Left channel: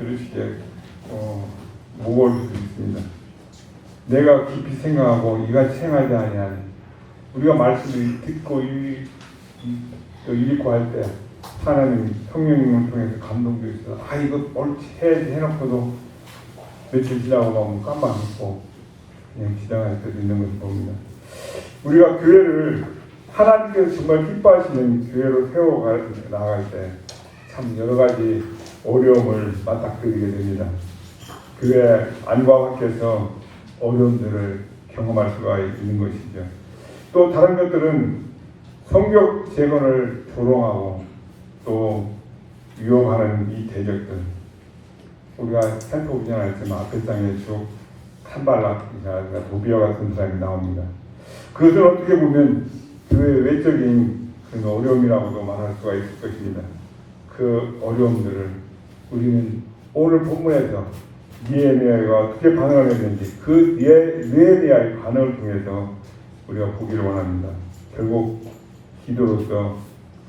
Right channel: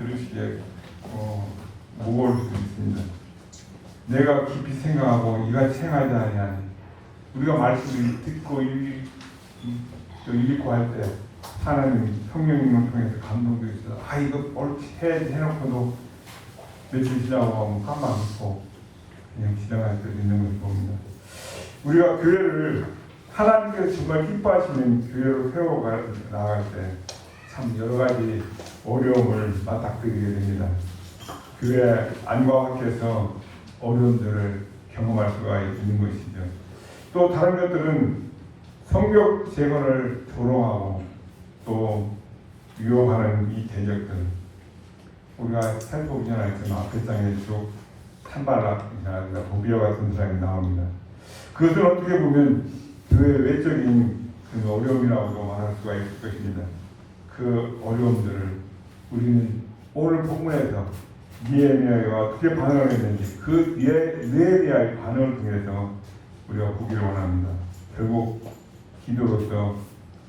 들으시기에 무거울 수 있습니다. 내가 깊이 생각하고 이같이 생활하지 아니하니 우리가 말씀을 듣고 읽고 할 때 하나님 성령님을 통해서 감동도 있어요. 이거 옳지 해야지 해놓고도 며칠 지나고 가면 깜빡했고 그냥 지나갈 때도 있는 것을 봅니다. 우리가 교회를 하나님께서 정말 기뻐하시는 교회로 세워 나갈 때 참 여러 가지 어려움을 맞닥뜨리게 됩니다. 교회 안과 밖에서 어려움들을 경험할 수가 있는 것이죠. 또 다른 것들은 성격 재건을 조롱하고 또 유혹하는 이 대적들, 우리가 살펴보기는 때는 앞에 장에 쭉 산발락이나 도비아 같은 사람이 나옵니다. 그것은 어떻게 보면 교회의 외적인 어려움이라고도 말할 수가 있을 것입니다. 그 어려움들을 우리는 오늘 본문에서 느헤미야가 어떻게 반응을 했는지 그 느헤미야의 반응을 통해서 우리가 보기를 원합니다. 결국 기도로서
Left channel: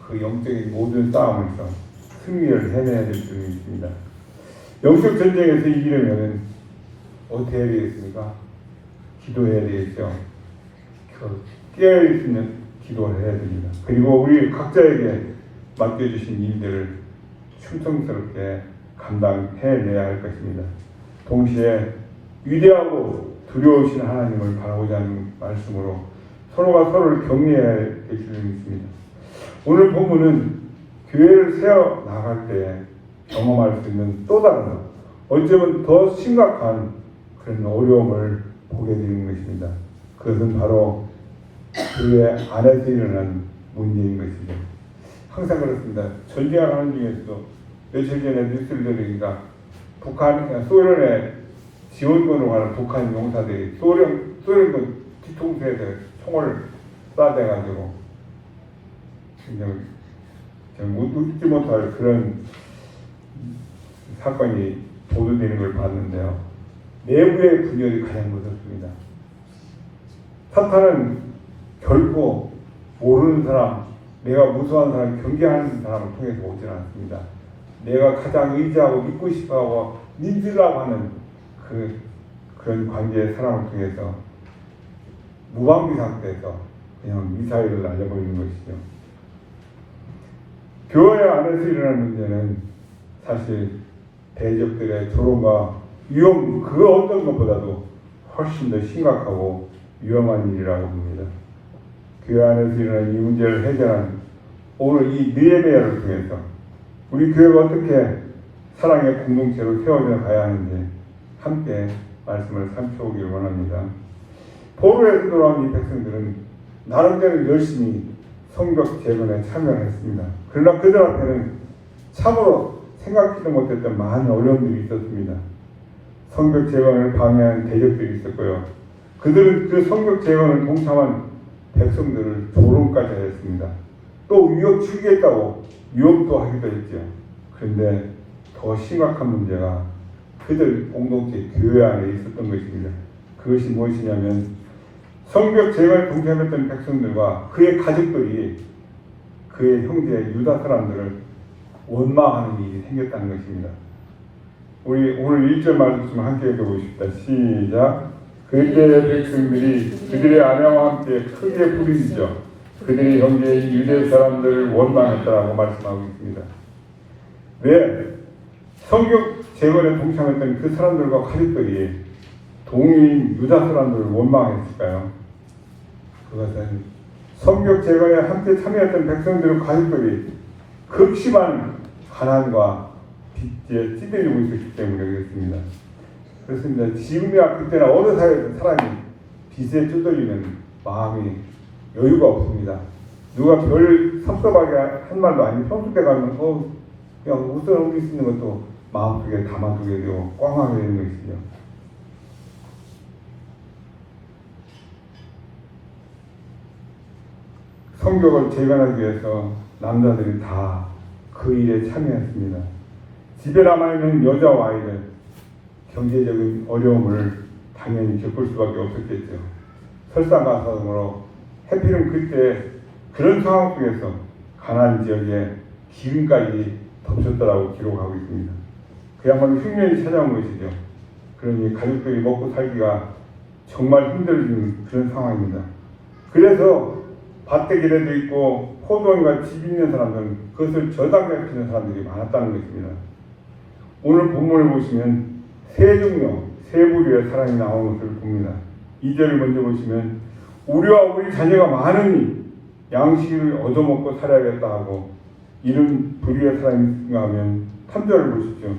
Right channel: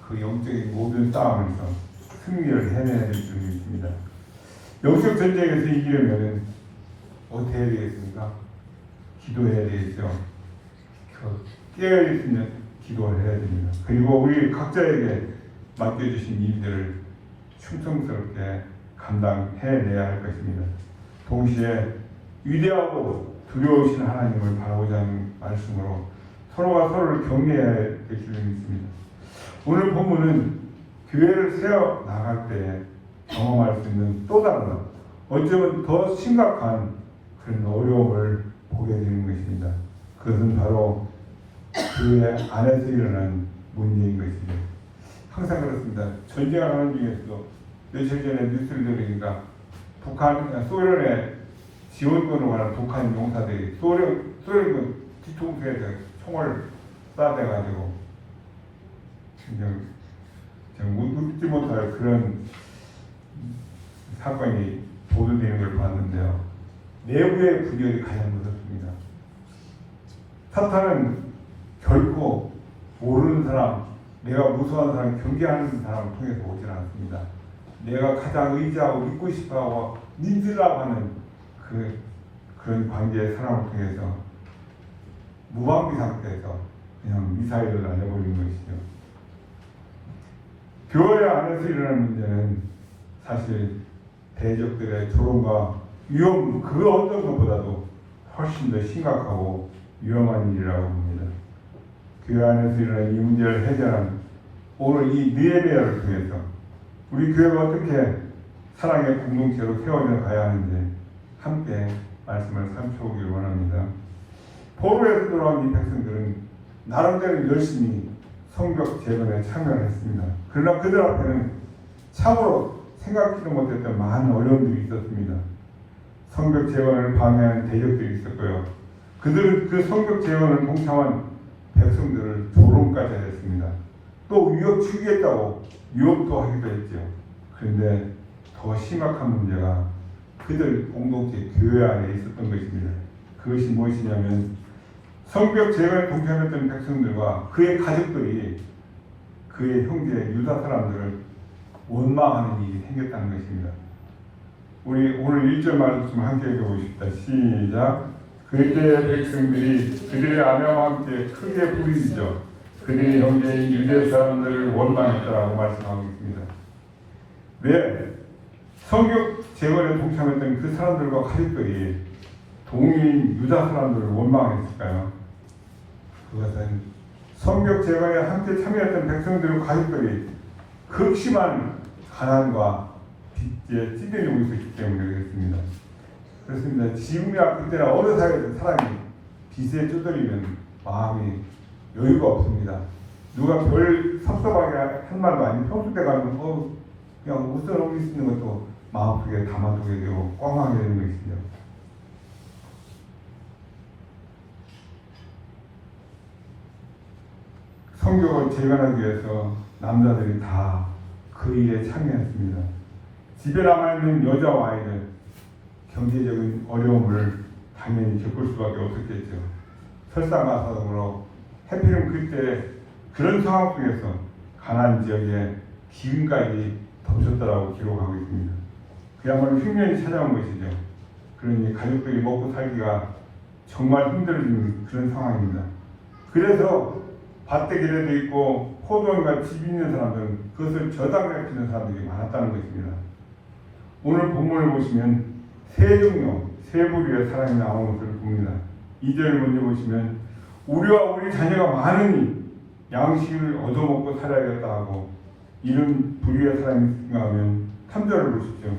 그 영적인 모든 싸움에서 승리를 해내야 될 줄이 있습니다. 영적 전쟁에서 이기려면 어떻게 해야 되겠습니까? 기도해야 되겠죠. 깨어있는 기도를 해야 됩니다. 그리고 우리 각자에게 맡겨주신 일들을 충성스럽게 감당해내야 할 것입니다. 동시에 위대하고 두려우신 하나님을 바라보자 하는 말씀으로 서로가 서로를 격려해야 될 줄이 있습니다. 오늘 본문은 교회를 세워 나갈 때 경험할 수 있는 또 다른 어쩌면 더 심각한 그런 어려움을 보게 되는 것입니다. 그것은 바로 교회 안에서 일어난 문제인 것입니다. 항상 그렇습니다. 전쟁하는 중에서도 며칠 전에 뉴스를 들으니까 소련의 지원군으로 가는 북한 용사들이 소련군 뒤통수에서 총을 쏴대가지고 웃지 못할 그런 사건이 보도되는 걸 봤는데요. 내부의 분열이 가장 무섭습니다. 사탄은 결코 모르는 사람, 내가 무서워하는 사람, 경계하는 사람을 통해서 오지 않습니다. 내가 가장 의지하고 믿고 싶어하고 믿으라고 하는 그런 관계의 사람을 통해서 무방비 상태에서 그냥 미사일을 날려버리는 것이죠. 교회 안에서 일어나는 문제는 사실 대적들의 조롱과 위험, 그 어떤 것보다도 훨씬 더 심각하고 위험한 일이라고 봅니다. 교회 안에서 일어나는 이 문제를 해결하는 오늘 이 느헤미야를 통해서 우리 교회가 어떻게 사랑의 공동체로 세워져 가야 하는지 함께 말씀을 살펴보길 원합니다. 포로에서 돌아온 이 백성들은 나름대로 열심히 성벽 재건에 참여를 했습니다. 그러나 그들 앞에는 참으로 생각지도 못했던 많은 어려움들이 있었습니다. 성벽 재건을 방해하는 대적들이 있었고요. 그들은 그 성벽 재건을 동참한 백성들을 조롱까지 했습니다. 또 위협 추기했다고 위협도 하기도 했죠. 그런데 더 심각한 문제가 그들 공동체 교회 안에 있었던 것입니다. 그것이 무엇이냐면 성벽 재건에 동참했던 백성들과 그의 가족들이 그의 형제 유다 사람들을 원망하는 일이 생겼다는 것입니다. 우리 오늘 1절 말씀 함께 읽어보십시다. 시작. 그때의 백성들이 그들의 아내와 함께 크게 부르짖어 그들의 형제인 유대 사람들을 원망했다라고 말씀하고 있습니다. 왜 성벽 재건에 동참했던 그 사람들과 가족들이 동일인 유다 사람들을 원망했을까요? 그것은 성벽 재건에 함께 참여했던 백성들과 가족들이 극심한 가난과 빚에 찌들리고 있었기 때문에 그렇습니다. 그렇습니다. 지금이나 그때나 어느 사회든 사람이 빚에 찌들리면 마음이 여유가 없습니다. 누가 별 섭섭하게 한 말도 아니고 평소 때 가면 그냥 웃어 넘길 수 있는 것도 마음속에 담아두게 되고 꽝하게 되는 것이죠. 성벽을 재건하기 위해서 남자들이 다 그 일에 참여했습니다. 집에 남아있는 여자와 아이들 경제적인 어려움을 당연히 겪을 수밖에 없었겠죠. 설상가상으로 해필은 그때 그런 상황 속에서 가나안 지역에 기근까지 덮쳤다라고 기록하고 있습니다. 그야말로 흉년이 찾아온 것이죠. 그러니 가족들이 먹고 살기가 정말 힘들어지는 그런 상황입니다. 그래서 밭대길에도 있고 포도원과 집 있는 사람들은 그것을 저당에 피는 사람들이 많았다는 것입니다. 오늘 본문을 보시면 세 종류, 세 부류의 사람이 나오는 것을 봅니다. 2절을 먼저 보시면 우리와 우리 자녀가 많으니 양식을 얻어먹고 살아야겠다 하고 이런 부류의 사람이 있는가 하면 3절을 보십시오.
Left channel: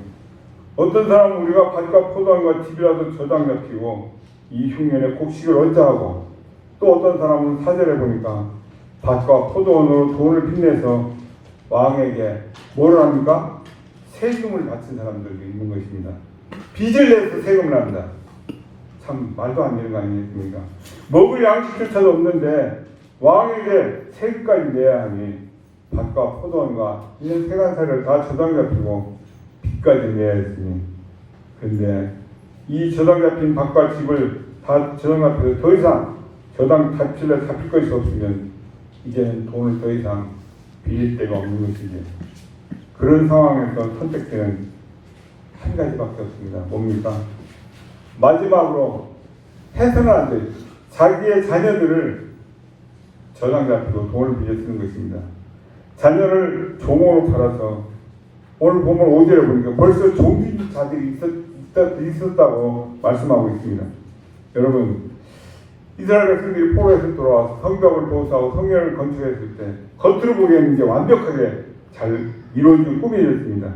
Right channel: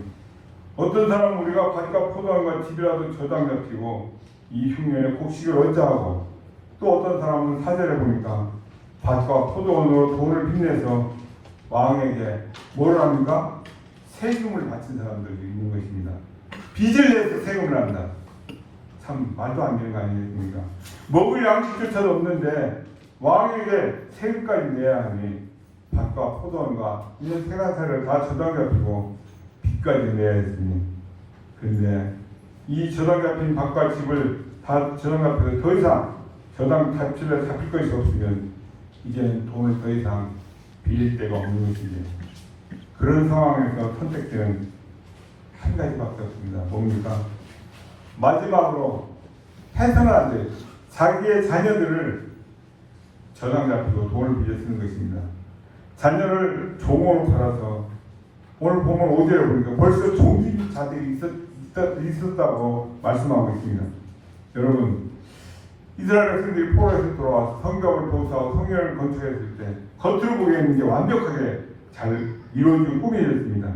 어떤 사람은 우리가 밭과 포도원과 집이라도 저당 잡히고 이 흉년에 곡식을 얻자 하고 또 어떤 사람은 4절에 보니까 밭과 포도원으로 돈을 빚내서 왕에게 뭘 합니까? 세금을 바친 사람들도 있는 것입니다. 빚을 내서 세금을 합니다. 참 말도 안 되는 거 아니겠습니까? 먹을 양식조차도 없는데 왕에게 세금까지 내야 하니 밭과 포도원과 이런 세간사를 다 저당 잡히고 빚까지 내야 했으니 그런데 이 저당 잡힌 밭과 집을 다 저당 잡혀서 더 이상 저당 잡힐 것이 없으면 이제는 돈을 더 이상 빌릴 데가 없는 것이지. 그런 상황에서 선택되는 한 가지밖에 없습니다. 뭡니까? 마지막으로 해서는 안 돼. 자기의 자녀들을 저당 잡히고 돈을 빌려 쓰는 것입니다. 자녀를 종으로 팔아서 오늘 보면 5절에 보니까 벌써 종기자들이 있었다고 말씀하고 있습니다. 여러분, 이스라엘 백성들이 포로에서 돌아와서 성벽을 도사하고 성전을 건축했을 때 겉으로 보기에는 이게 완벽하게 잘 이루어진 꿈이었습니다.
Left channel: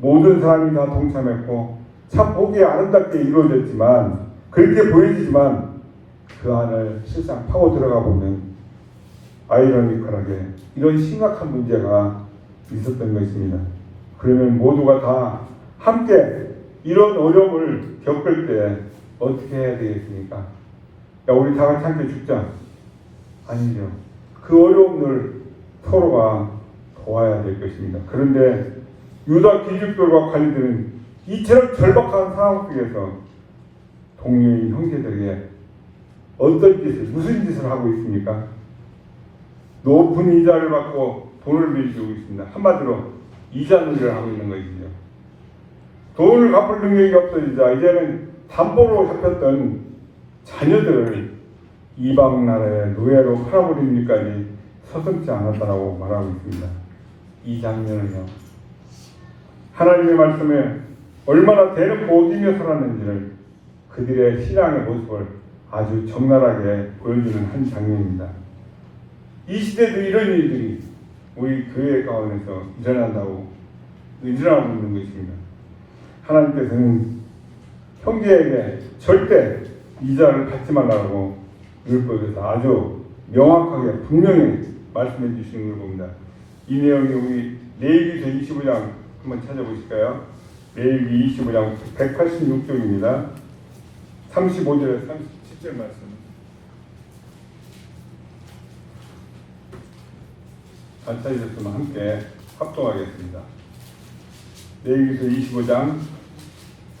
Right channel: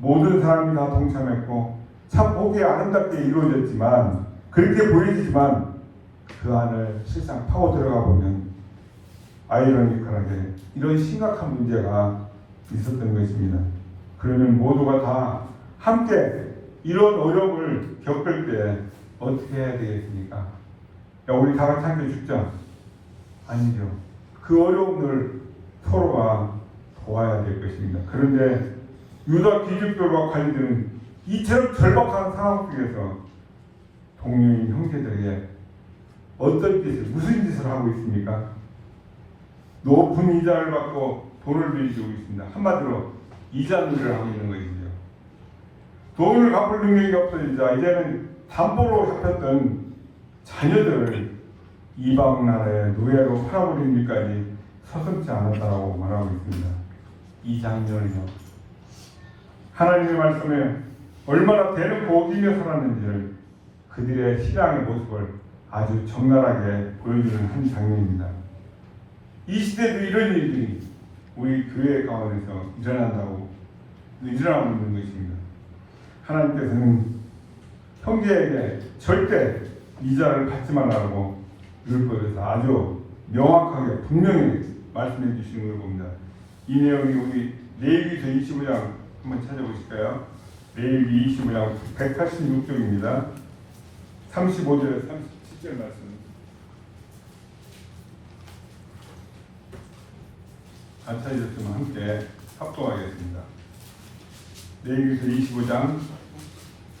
모든 사람이 다 동참했고 참 보기에 아름답게 이루어졌지만 그렇게 보이지만 그 안을 실상 파고 들어가 보면 아이러니컬하게 이런 심각한 문제가 있었던 것입니다. 그러면 모두가 다 함께 이런 어려움을 겪을 때 어떻게 해야 되겠습니까? 야, 우리 다 같이 함께 죽자. 아니죠. 그 어려움을 서로가 도와야 될 것입니다. 그런데 유다 귀족들과 관리들은 이처럼 절박한 상황 속에서 동료인 형제들에게 어떤 짓을, 무슨 짓을 하고 있습니까? 높은 이자를 받고 돈을 빌리고 있습니다. 한마디로 이자놀이를 하고 있는 것이죠. 돈을 갚을 능력이 없어지자 이제는 담보로 잡혔던 자녀들을 이방 나라의 노예로 팔아버린 일까지 서슴지 않았다라고 말하고 있습니다. 이 장면은요, 하나님의 말씀에 얼마나 대놓고 어기며 살았는지를 그들의 신앙의 모습을 아주 적나라하게 보여주는 한 장면입니다. 이 시대도 이런 일들이 우리 교회 가운데서 일어나고 있는 것입니다. 하나님께서는 형제에게 절대 이자를 받지 말라고 율법에서 아주 명확하게 분명히 말씀해 주시는 걸 봅니다. 이 내용이 우리 레위기서 25장 한번 찾아보실까요? 레위기 25장 186쪽입니다. 35절에서 37절 말씀. 잘 찾으셨으면 함께 합동하겠습니다. 레위기서 25장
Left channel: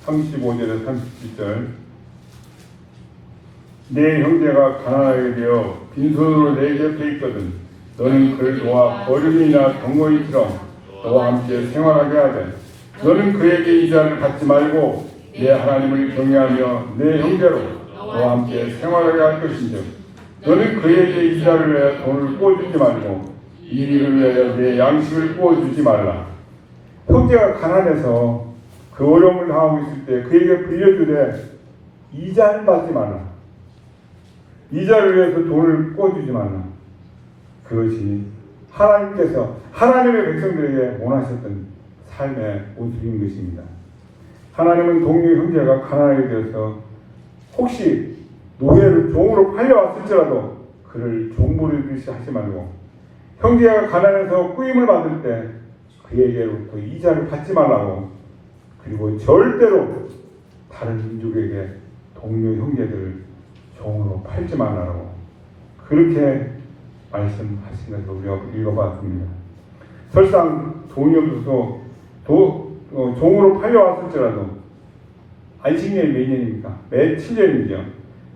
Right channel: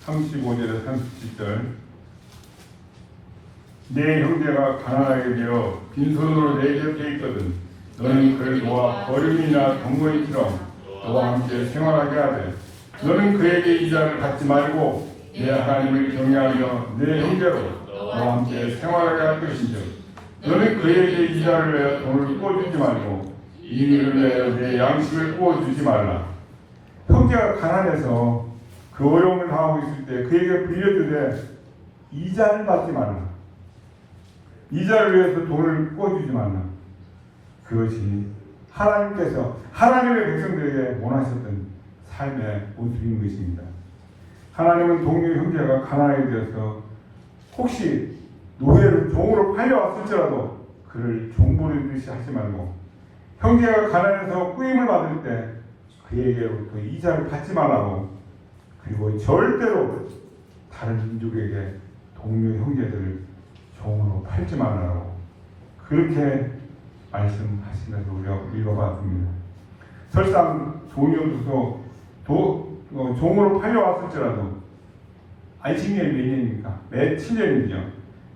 35절에서 37절. 내 형제가 가난하게 되어 빈손으로 내 곁에 있거든 너는 그를 도와 거름이나 덩어리처럼 너와 함께 생활하게 하되 너는 그에게 이자를 받지 말고 내 하나님을 경외하며 내 형제로 너와 함께 생활하게 할 것인즉 너는 그에게 이자를 내어 돈을 꾸어주지 말고 이 일을 내어 내 양식을 꾸어주지 말라. 형제가 가난해서 그 어려움을 당하고 있을 때 그에게 빌려주되 이자를 받지 말라. 이자를 위해서 돈을 꿔주지 말라. 그것이 하나님께서 하나님의 백성들에게 원하셨던 삶의 모습인 것입니다. 하나님은 동료 형제가 가난하게 되어서 혹시 노예를 종으로 팔려왔을지라도 그를 종부르듯이 하지 말고 형제가 가난해서 꾸임을 받을 때 그에게로부터 이자를 받지 말라고 그리고 절대로 다른 민족에게 동료 형제들을 종으로 팔지 말라고 그렇게 말씀하신 것을 우리가 읽어봤습니다. 설상 돈이 없어서 종으로 팔려왔을지라도 안식년이 몇 년입니까? 매 7년이죠.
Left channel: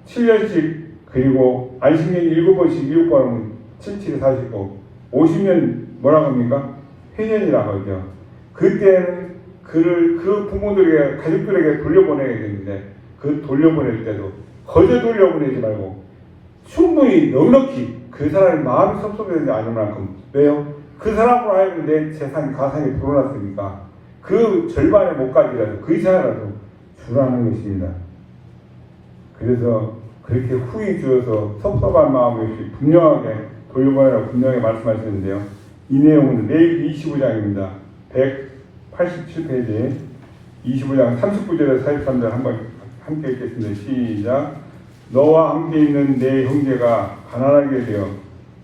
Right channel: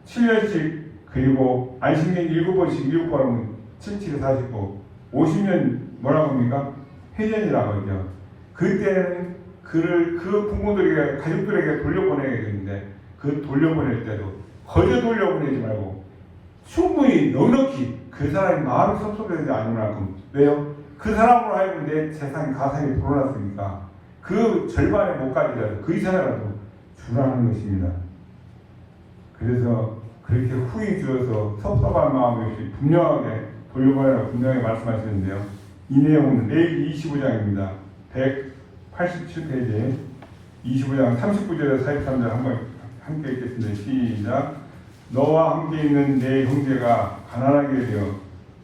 7년씩 그리고 안식년 7번씩 7번 하면 77에 49 50년 뭐라고 합니까? 회년이라고 하죠. 그때는 그를 그 부모들에게 가족들에게 돌려보내야 되는데 그 돌려보낼 때도 거저 돌려보내지 말고 충분히 넉넉히 그 사람의 마음이 섭섭하지 않을 만큼 왜요? 그 사람으로 하여금 내 재산 가산이 불어났으니까 그 절반의 못까지라도 그 이상이라도 주라는 것입니다. 그래서 그렇게 후히 주어서 섭섭한 마음 없이 분명하게 돌려보내라고 분명히 말씀하시는데요. 이 내용은 레위기 25장입니다. 187페이지 25장 39절에서 43절 한번 함께 읽겠습니다. 시작. 너와 함께 있는 내 형제가 가난하게 되어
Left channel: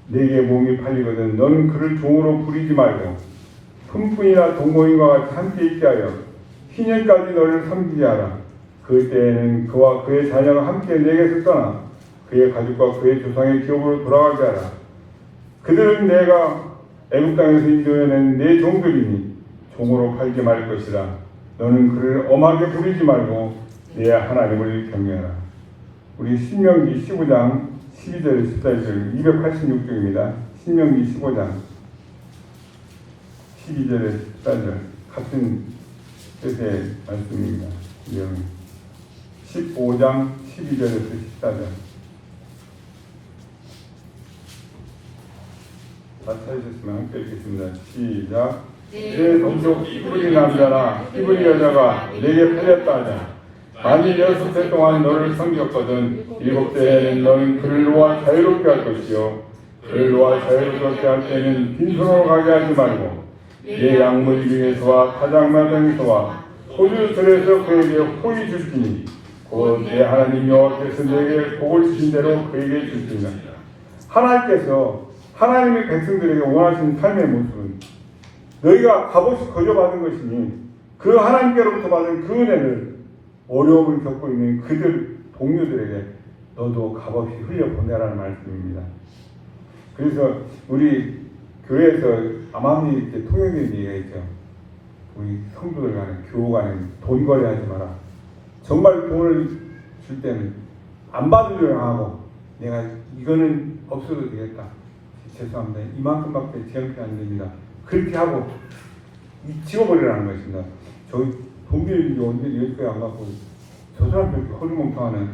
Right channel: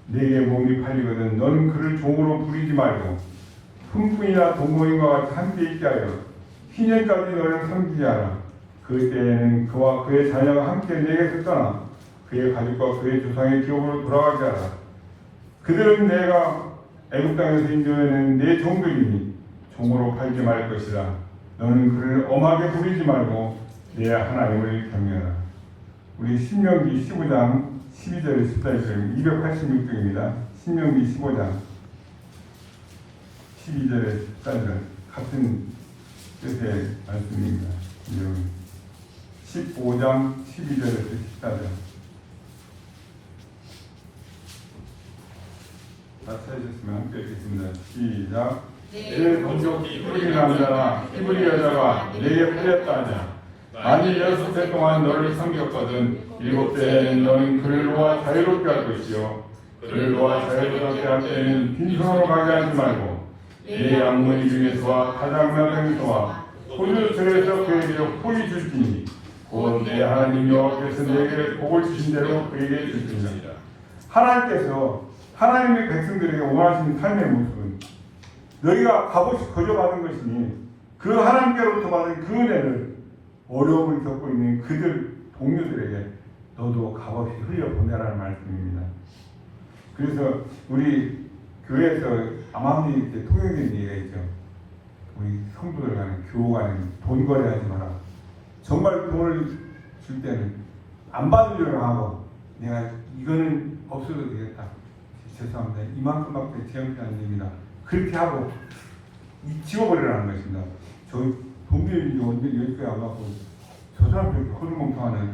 내게 몸이 팔리거든 너는 그를 종으로 부리지 말고 품꾼이나 동거인과 같이 함께 있게 하여 희년까지 너를 섬기게 하라. 그때에는 그와 그의 자녀가 함께 내게서 떠나 그의 가족과 그의 조상의 기업으로 돌아가게 하라. 그들은 내가 애굽 땅에서 인도해낸 내 종들이니 종으로 팔지 말 것이라. 너는 그를 엄하게 부리지 말고 내 하나님을 경외하라. 우리 신명기 15장 12절 14절 286쪽입니다. 신명기 15장 12절에 14절 같은 뜻의 말씀입니다. 15장 12절에서 14절 다 찾으셨으면 함께 읽겠습니다. 시작. 내 동족 히브리 남자나 히브리 여자가 내게 팔렸다 하냐. 만일 6해 동안 너를 섬겼거든 7해에는 너는 그를 놓아 자유롭게 할 것이요 그를 놓아 자유롭게 할 때는 빈손으로 가게 하지 말고 내 양물 중에서와 가장 마당에서와 포도들에서 그에게 포기 줄지니 곧 내 하나님 여호와께서 내게 복을 주신 대로 그에게 줄지니라. 하나님께서 하나님의 백성들에게 원하시는 삶의 모습은 너희가 값없이 거저받은 것이니 그 하나님께로부터 받은 그 은혜를 어려움을 겪고 있는 그들 동료들에게 너도 값없이 흘려보내라는 말씀입니다. 그래서 우리 교회에서 암암리 이렇게 통역된 얘기가 있죠. 우리 성도들 간에 교우 간에 돈 거래하지 마라. 정말 돈을 줄 때는 안 받으려고 하고 내가 이거는 없어도 되겠다. 죄송합니다. 이만큼밖에 지원이 안 됩니다. 그렇게 하고 지워버리라는 것입니다. 저희 돈 빌리는 여기까지 안 갖고 저 사람들 이렇게 허리멍텅하네.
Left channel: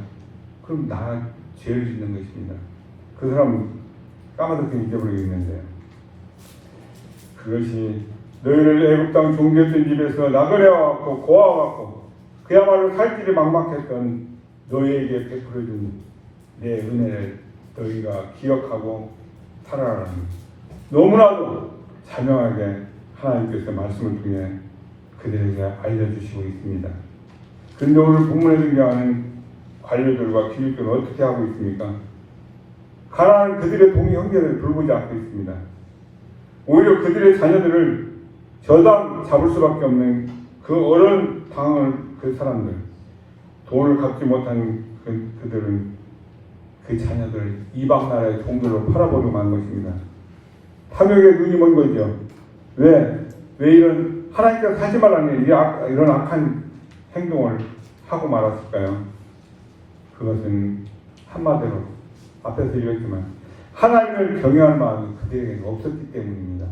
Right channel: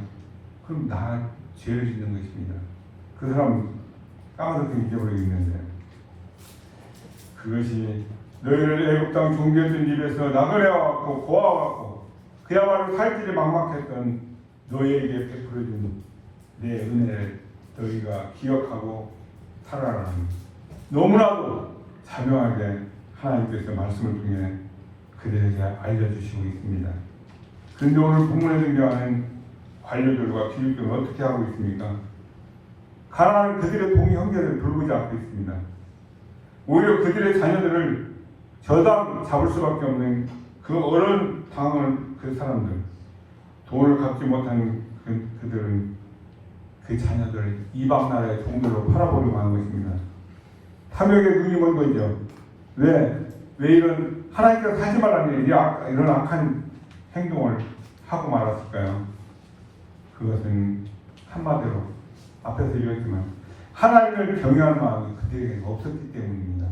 그럼 나 죄를 짓는 것입니다. 그 사람은 까마득히 잊어버리겠는데요. 그것이 너희를 애굽 땅 종되었던 집에서 나그네와갖고 고아와갖고 그야말로 살 길이 막막했던 너희에게 베풀어준 내 은혜를 너희가 기억하고 살아라는 너무나도 자명하게 하나님께서 말씀을 통해 그들에게 알려주시고 있습니다. 그런데 오늘 본문에 등장하는 관료들과 기득들은 어떻게 하고 있습니까? 가난한 그들의 동의 형제를 돌보지 않고 있습니다. 오히려 그들의 자녀들을 저당 잡을 수밖에 없는 그 어려운 당을 그 사람들 돈을 갚지 못하는 그들은 그 자녀들 이방 나라의 종들로 팔아버리고 만 것입니다. 탐욕에 눈이 먼 거죠. 왜 이런 하나님께서 하지 말라는 이런 악한 행동을 하고 말았을까요? 그것은 한마디로 앞에서 얘기했지만 하나님을 경외할 마음이 그들에게 없었기 때문입니다.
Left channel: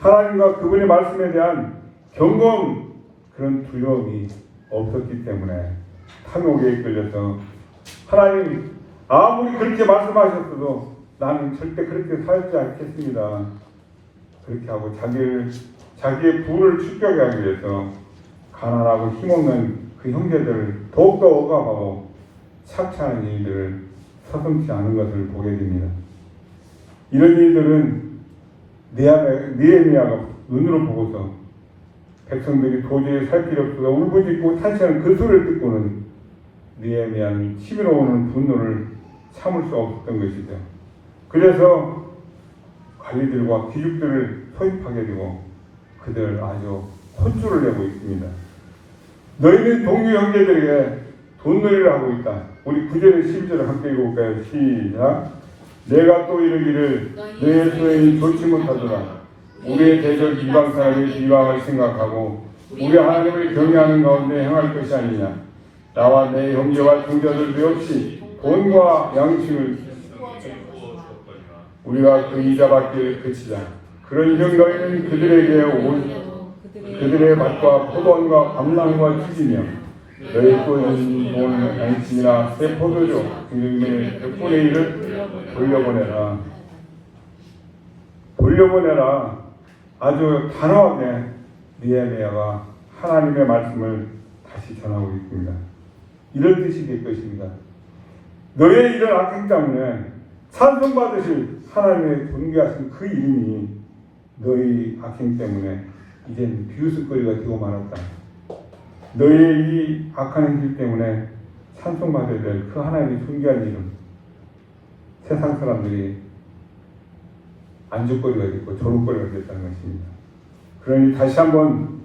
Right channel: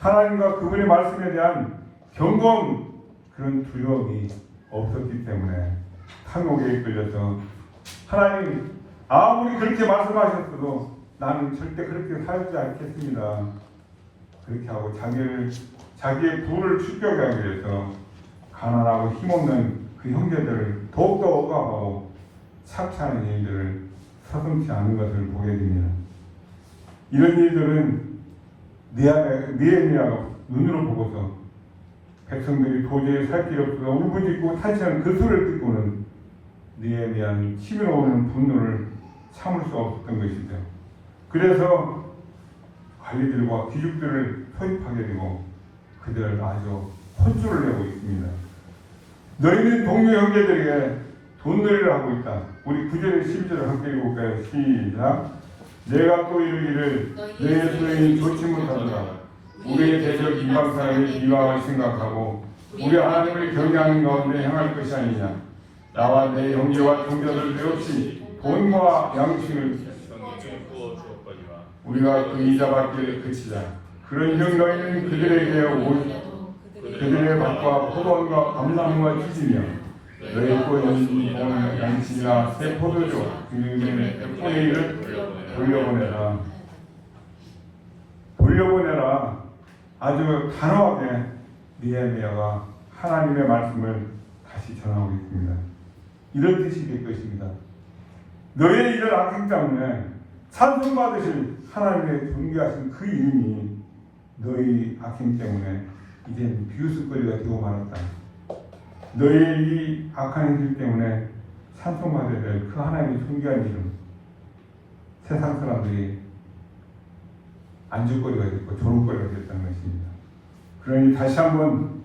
하나님과 그분의 말씀에 대한 경고한 그런 두려움이 없었기 때문에 탐욕에 이끌려서 하나님 아무리 그렇게 말씀하셨어도 나는 절대 그렇게 살지 않겠습니다. 그렇게 하고 자기의 부를 축적하기 위해서 가난하고 힘없는 그 형제들을 더욱더 억압하고 착취하는 일들을 서슴지 않은 것을 보게 됩니다. 이런 일들은 느헤미야가 눈으로 보고서 백성들이 도저히 살 길이 없어서 울부짖고 탄식하는 그 소리를 듣고는 느헤미야는 치밀어 오는 분노를 참을 수 없었던 것이죠. 그래서 관리들과 귀족들을 소집하게 되고 그들 아주 혼쭐을 내고 있습니다. 너희는 동료 형제들에게 돈놀이를 하고 있다. 우리 9절에 12절을 함께 읽어볼까요? 시작. 내가 또 이르기를 너의 소행이 좋지 못하더라. 우리의 대적 이방 사람이 이방을 생각하고 우리 하나님을 경외하는 가운데 행할 것이 아니냐. 나와 내 형제와 동자들도 역시 돈과 양식을 우리가 그 이자받기를 그치자. 그런즉 너희는 그들에게 그들의 밭과 포도원과 감나무와 찢으며 너희 꼬이는 돈 양식이나 새 포도주 그중에 100분의 1을 돌려보내라. 아주 단호하게 느헤미야가 하나님의 말씀을 다시 전하고 있습니다. 이런 뜻이 될 것입니다. 너의 이런 악행 때문에 찬송받으실 하나님의 존귀하신 그 이름이 너희 악행 때문에 이제는 비웃음거리가 되고 말았다. 너희의 이 악한 행실 때문에 찬송받아야 될 그 하나님의 존귀한 이름, 세상 사람들이 안주거리가 됐고 조롱거리가 됐다는 것입니다. 그러니 다시 한번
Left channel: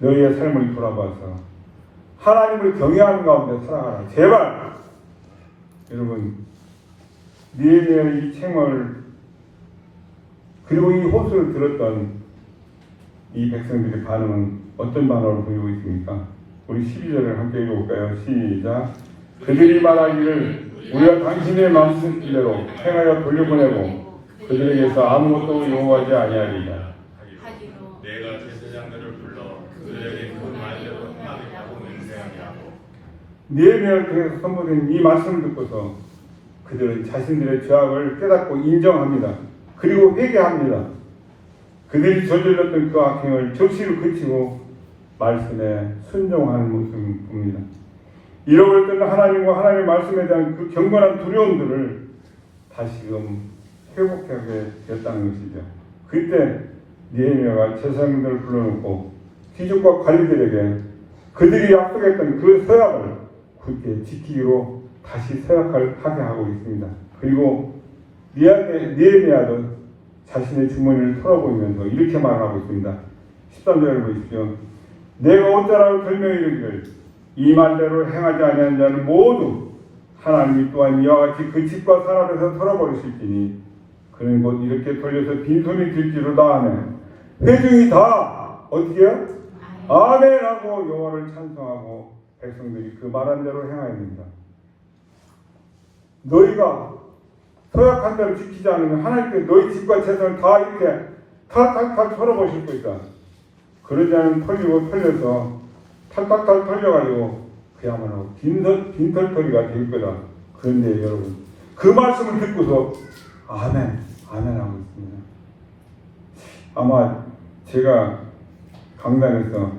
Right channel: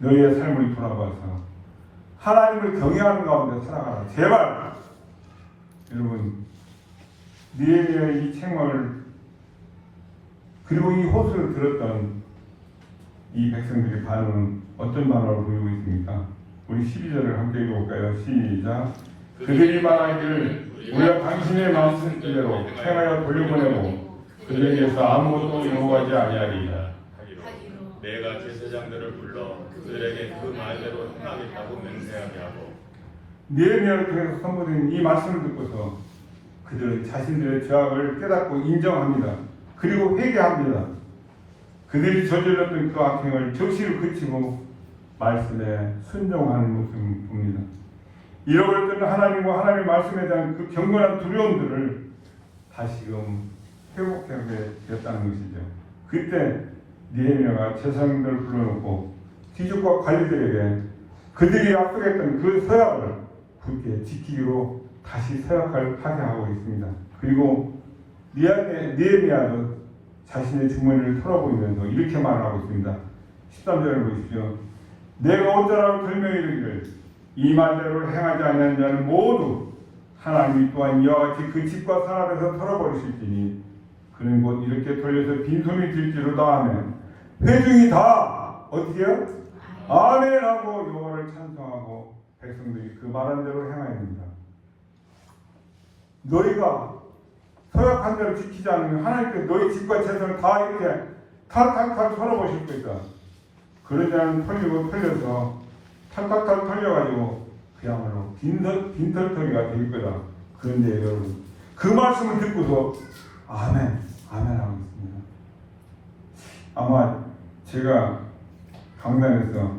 너희의 삶을 돌아봐서 하나님을 경외하는 가운데 살아가라. 제발 여러분, 느헤미야의 이 책을 그리고 이 호소를 들었던 이 백성들의 반응은 어떤 반응을 보이고 있습니까? 우리 12절을 함께 읽어볼까요? 시작. 그들이 말하기를 우리가 당신의 만드신 대로 행하여 돌려보내고 그들에게서 아무것도 요구하지 아니하리라. 내가 제사장들을 불러 그들에게 그 말대로 행하겠다고 맹세하게 하고. 느헤미야를 통해서 선포된 이 말씀을 듣고서 그들은 자신들의 죄악을 깨닫고 인정합니다. 그리고 회개합니다. 그들이 저질렀던 그 악행을 적시로 그치고 말씀에 순종하는 모습을 봅니다. 잃어버렸던 하나님과 하나님의 말씀에 대한 그 경건한 두려움들을 다시금 회복하게 되었다는 것이죠. 그때 느헤미야가 제사장들을 불러놓고 귀족과 관리들에게 그들이 약속했던 그 서약을 굳게 지키기로 다시 서약하게 하고 있습니다. 그리고 느헤미야도 자신의 주머니를 털어보이면서 이렇게 말하고 있습니다. 13절을 보십시오. 내가 어쩌라고 설명히 이르기를 이 말대로 행하지 아니하는 자는 모두 하나님이 또한 이와 같이 그 집과 산 앞에서 털어버리실지니 그는 곧 이렇게 돌려서 빈손이 들지로다 하면 회중이 다 어떻게 해요? 아멘 하고 여호와를 찬송하고 백성들이 그 말한 대로 행하야 됩니다. 너희가 서약한 대로 지키지 않으면 하나님께 너희 집과 재산을 다 이렇게 탈탈탈 털어버실 거니까 그러지 않으면 털려서 탈탈탈 털려가지고 그야말로 빈털터리가 될 거다. 그런데 여러분 그 말씀을 듣고서 아멘 하고 있습니다. 아마 제가 강단에서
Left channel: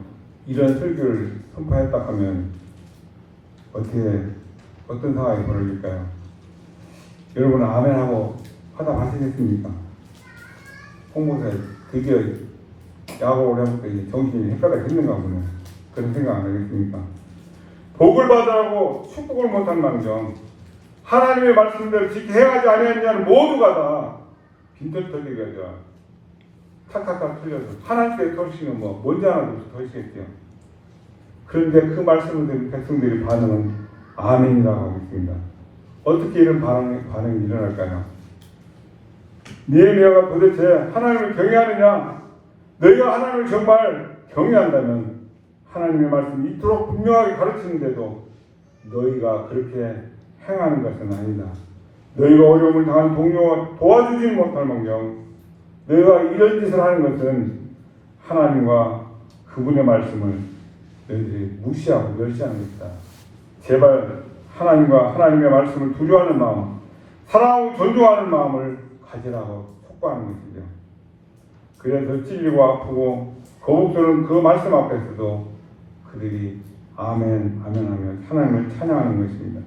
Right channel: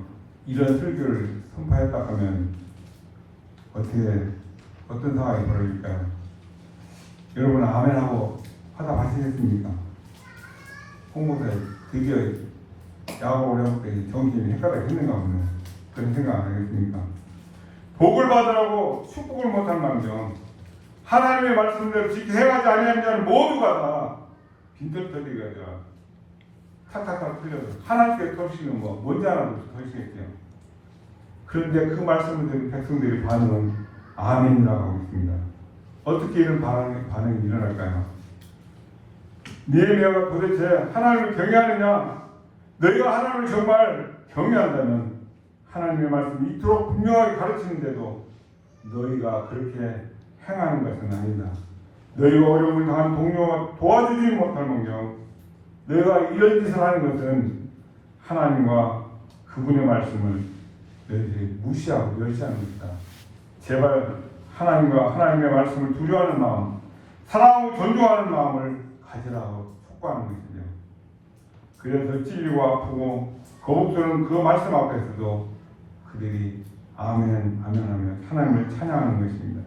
이런 설교를 선포했다 하면 어떤 상황이 벌어질까요? 여러분 아멘하고 하다 가시겠습니까? 홍보사에 되게 야구를 해볼때 정신이 헷갈려지는가 보네. 그런 생각 안 하겠습니까? 복을 받으라고 축복을 못한 망정 하나님의 말씀대로 지키 행하지 아니하느냐는 모두가 다 빈털터리가 탁탁탁 틀려서 하나님께 털시는 뭔지 하나도 털시겠죠. 그런데 그 말씀을 들은 백성들의 반응은 아멘이라고 하고 있습니다. 어떻게 이런 반응이 일어날까요? 느헤미야가 도대체 하나님을 경외하느냐? 너희가 하나님을 정말 경외한다면 하나님의 말씀이 이토록 분명하게 가르치는데도 너희가 그렇게 행하는 것은 아니다. 너희가 어려움을 당한 동료와 도와주지 못할 망정 너희가 이런 짓을 하는 것은 하나님과 그분의 말씀을 너희들이 무시하고 멸시하는 것이다. 제발 하나님과 하나님의 말씀을 두려워하는 마음, 사랑하고 존중하는 마음을 가지라고 촉구하는 것이죠. 그래서 찔리고 아프고 거북스러운 그 말씀 앞에서도 그들이 아멘 하며 하나님을 찬양하는 것입니다.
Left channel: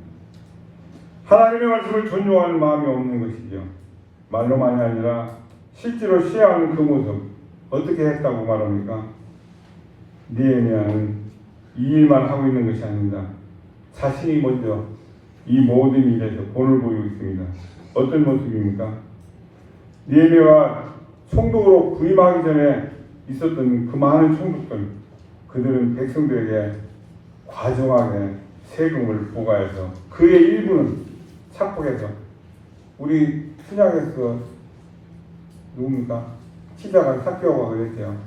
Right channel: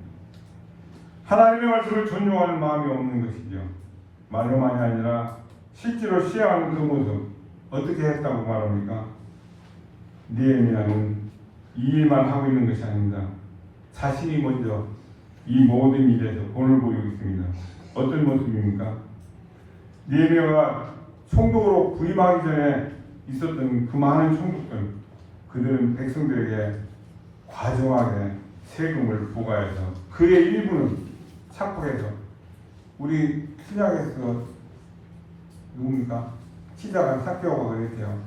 하나님의 말씀을 존중하는 마음이 없는 것이죠. 말로만이 아니라 실제로 시행하는 그 모습 어떻게 했다고 말합니까? 느헤미야는 이 일만 하고 있는 것이 아닙니다. 자신이 먼저 이 모든 일에서 본을 보이고 있습니다. 어떤 모습입니까? 느헤미야가 총독으로 부임하기 전에 있었던 그 많은 총독들 그들은 백성들에게 과정하게 세금을 부과해서 그의 일부는 착복해서 우리 신약에서 누굽니까? 치자가 사케오가 그랬대요.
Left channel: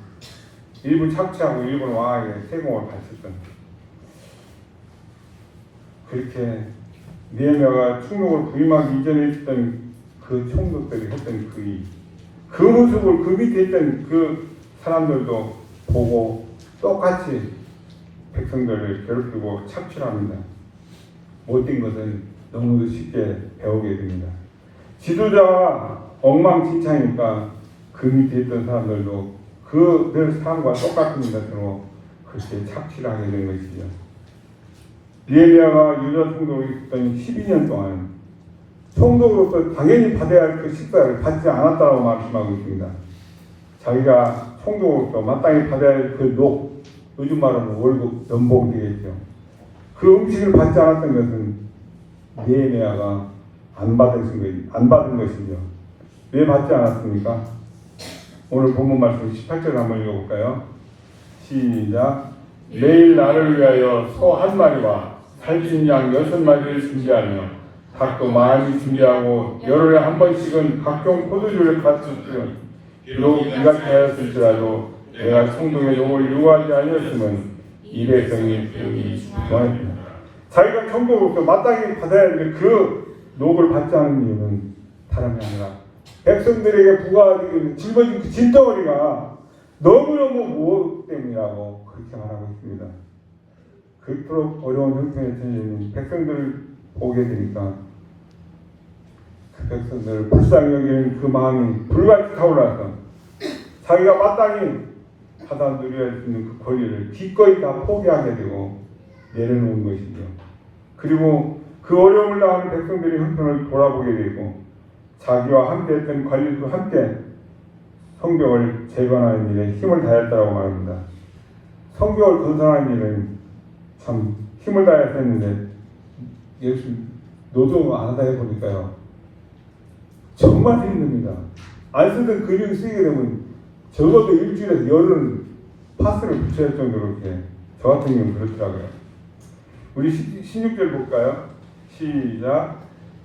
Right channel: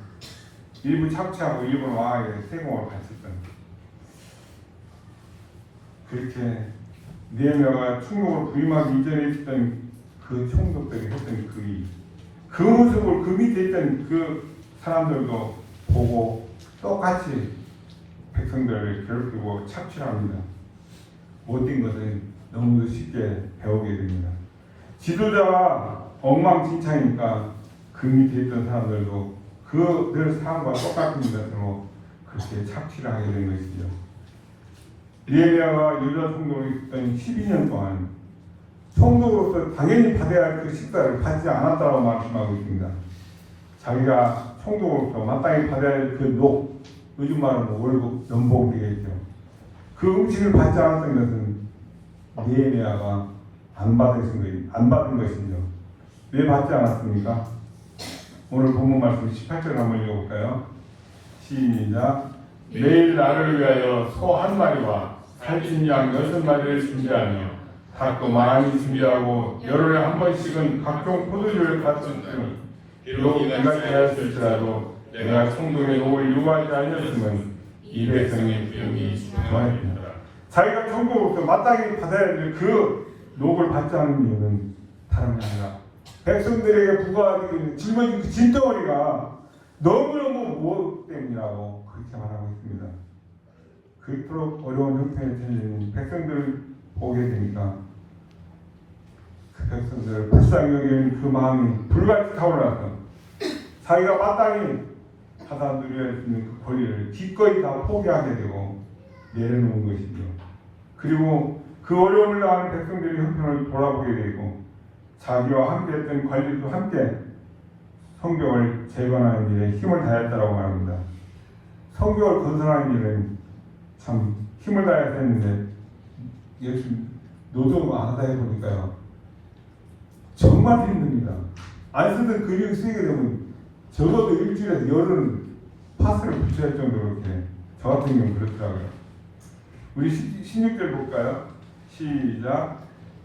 일부 착취하고 일부는 왕에게 세금을 바쳤던 그렇게 느헤미야가 총독으로 부임하기 이전에 있던 그 총독들이 했던 그 모습을 그 밑에 있던 그 사람들도 보고 똑같이 백성들을 괴롭히고 착취합니다. 못된 것은 너무도 쉽게 배우게 됩니다. 지도자가 엉망진창이니까 그 밑에 있던 사람들도 그들 삶과 똑같은 것으로 그렇게 착취를 하게 된 것이죠. 니에미야가 유다 총독으로 있던 12년 동안 총독으로서 당연히 받아야 할 그 식사를 받지 않았다고 말씀하고 있습니다. 자기가 총독으로서 마땅히 받아야 할 그 요즘 말로는 월급, 연봉이 되겠죠. 그 음식을 받지 않았던 것은 니에미야가 안 받은 것이죠. 왜 받지 않았습니까? 오늘 본문 말씀 18절 한번 읽어볼까요? 시작. 매일 나를 위하여 소 한 마리와 살찐 양 6마리를 준비하며 닭도 많이 준비하고 열흘에 한 번씩은 각종 포도주를 갖췄으면 비록 네가 하였을지라도 내가 총독의 욕을 요구하지 아니었으면 이 백성이 병이 부정했습니다. 자기가 총독으로서 마땅히 받아야 될 그 녹을 받지 않은 이유는 다름이 아니라 백성들에게 부과하기 짊어진 그 짐덩어리가 너무너무 무엇 때문이라고 그렇게 말하고 있습니다. 그토록 어려운 형편에 처해 있는 백성들을 보게 되니까 그 백성들을 불쌍히 여기는 그 마음이 불같이 타올라서 자기가 마땅히 받아 누려야 할 수 있는 그 권리를 기꺼이 다 포기하게 되고 내려놓은 것이죠. 그리고 그 어려움을 당하는 백성들의 형편을 돌아보게 되고 자기와 함께 했던 관리도 함께 성벽을 재건하는 일에 힘을 다했다고 말합니다. 성벽을 건설하는 일은 참 힘을 다해서 했는데 예수 노동 안 하다 해보니까요 정말 힘듭니다. 안 쓰던 근육을 쓰게 되면 적어도 일주일에 열은 파스를 붙여야 할 정도로 이렇게 저 같은 경우는 그렇더라고요. 우리 16절 볼까요? 시작.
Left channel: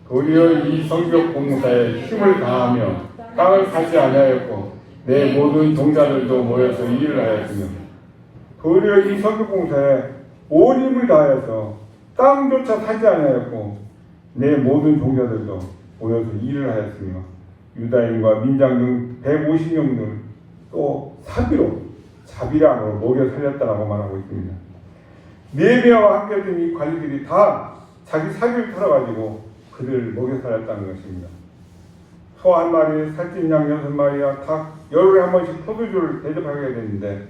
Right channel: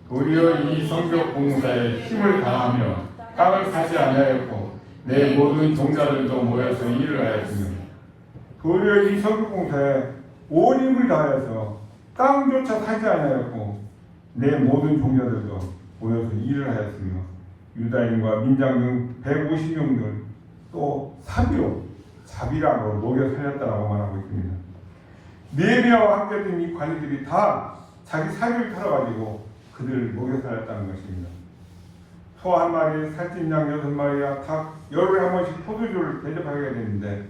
도리어 이 성벽 공사에 힘을 다하며 땅을 사지 아니하였고 내 모든 종자들도 모여서 일을 하였으며 도리어 이 성벽 공사에 온 힘을 다하여서 땅조차 사지 아니하였고 내 모든 종자들도 모여서 일을 하였으며 유다인과 민장 등 150명들 또 사비로 자비랑으로 녹여 살렸다라고 말하고 있습니다. 니에미야와 함께 했던 이 관리들이 다 자기 사비를 털어가지고 그들을 먹여 살렸다는 것입니다. 소 한 마리, 살찐 양 6마리와 닭 열흘에 한 번씩 포도주를 대접하게 되는데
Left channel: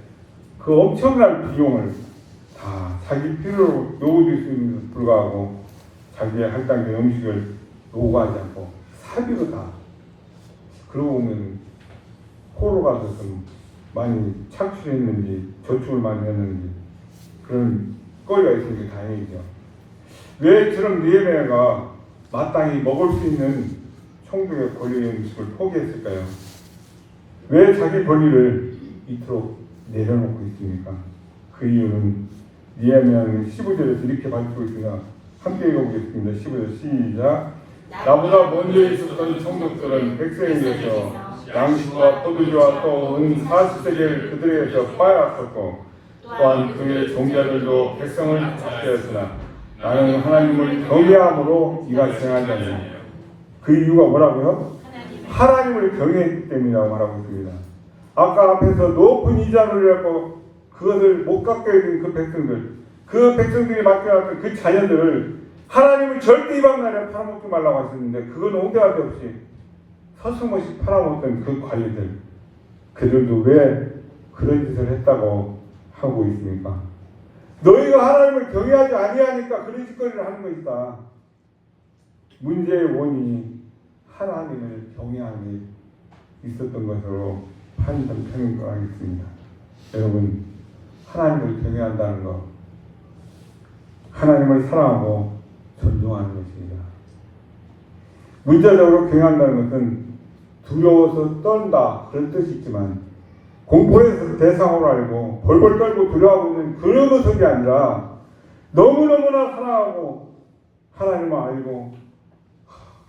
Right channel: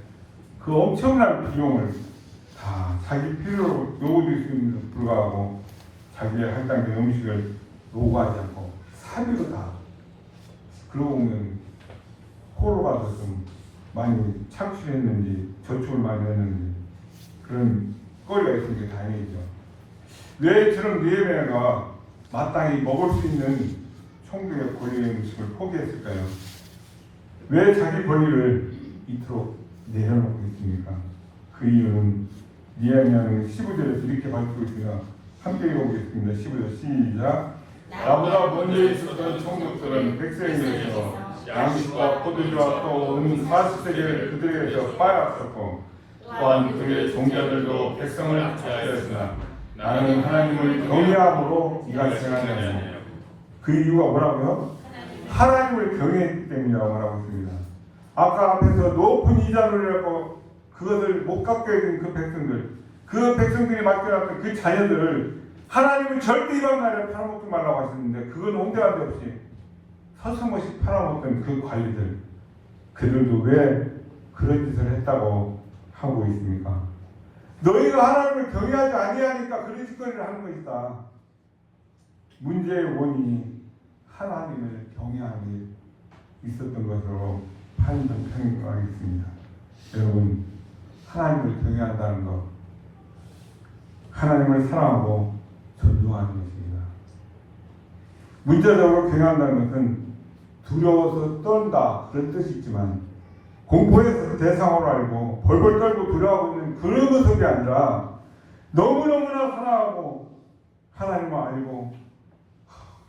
그 엄청난 비용을 다 자기 필요로 요구될 수 있는 데 불구하고 자기의 할당된 음식을 요구하지 않고 사비로 다 그러고 보면 코로 가서 좀 많이 착취했는지 저축을 많이 했는지 그런 거리가 있는 게 다행이죠. 왜 저런 니에미야가 마땅히 먹을 수 있는 총독의 권리의 음식을 포기했을까요? 왜 자기 권리를 이토록 내려놓고 있습니까? 그 이유는 니에미야는 15절에서 이렇게 밝히고 있습니다. 함께 읽어보겠습니다. 15절 시작. 나보다 먼저 있었던 총독들은 백성에게서 양식과 포도주와 또 은 40세계를 그들에게서 빼앗았고 또한 그의 종자들도 백성을 착취하였으나 나는 하나님을 경외함으로 이가 행한다니. 그 이유가 뭐라고요? 하나님을 경외했기 때문이라고 말하고 있습니다. 아까 앞에서 높은 이자를 갖고 그것을 못 갖게 된 그 백성들이 맡겨놨던 그 자녀들을 하나님은 절대 이방 나라에 팔아먹지 말라고 하셨는데 그건 온데하도 없이 서슴없이 팔아먹던 그 관리들 그들도 왜 그런 짓을 했다고 하고 있습니까? 너희가 하나님을 경외하지 아니하니까 그런 짓거리를 하는 것이다. 문제의 원인이 하나님을 경외함이 있었던 것으로 판단하겠습니다. 여러분, 하나님을 경외한다는 것, 하나님을 사랑하고 존중하는 것입니다. 문자적으로 경외한다는 것은 두려워서 떤다 그런 뜻이 있지만 공포에서 대상으로 알고 벌벌 떨고 두려워하고 있는 그런 모습이 아니라 너무너무나 사랑하고 하나님을 알고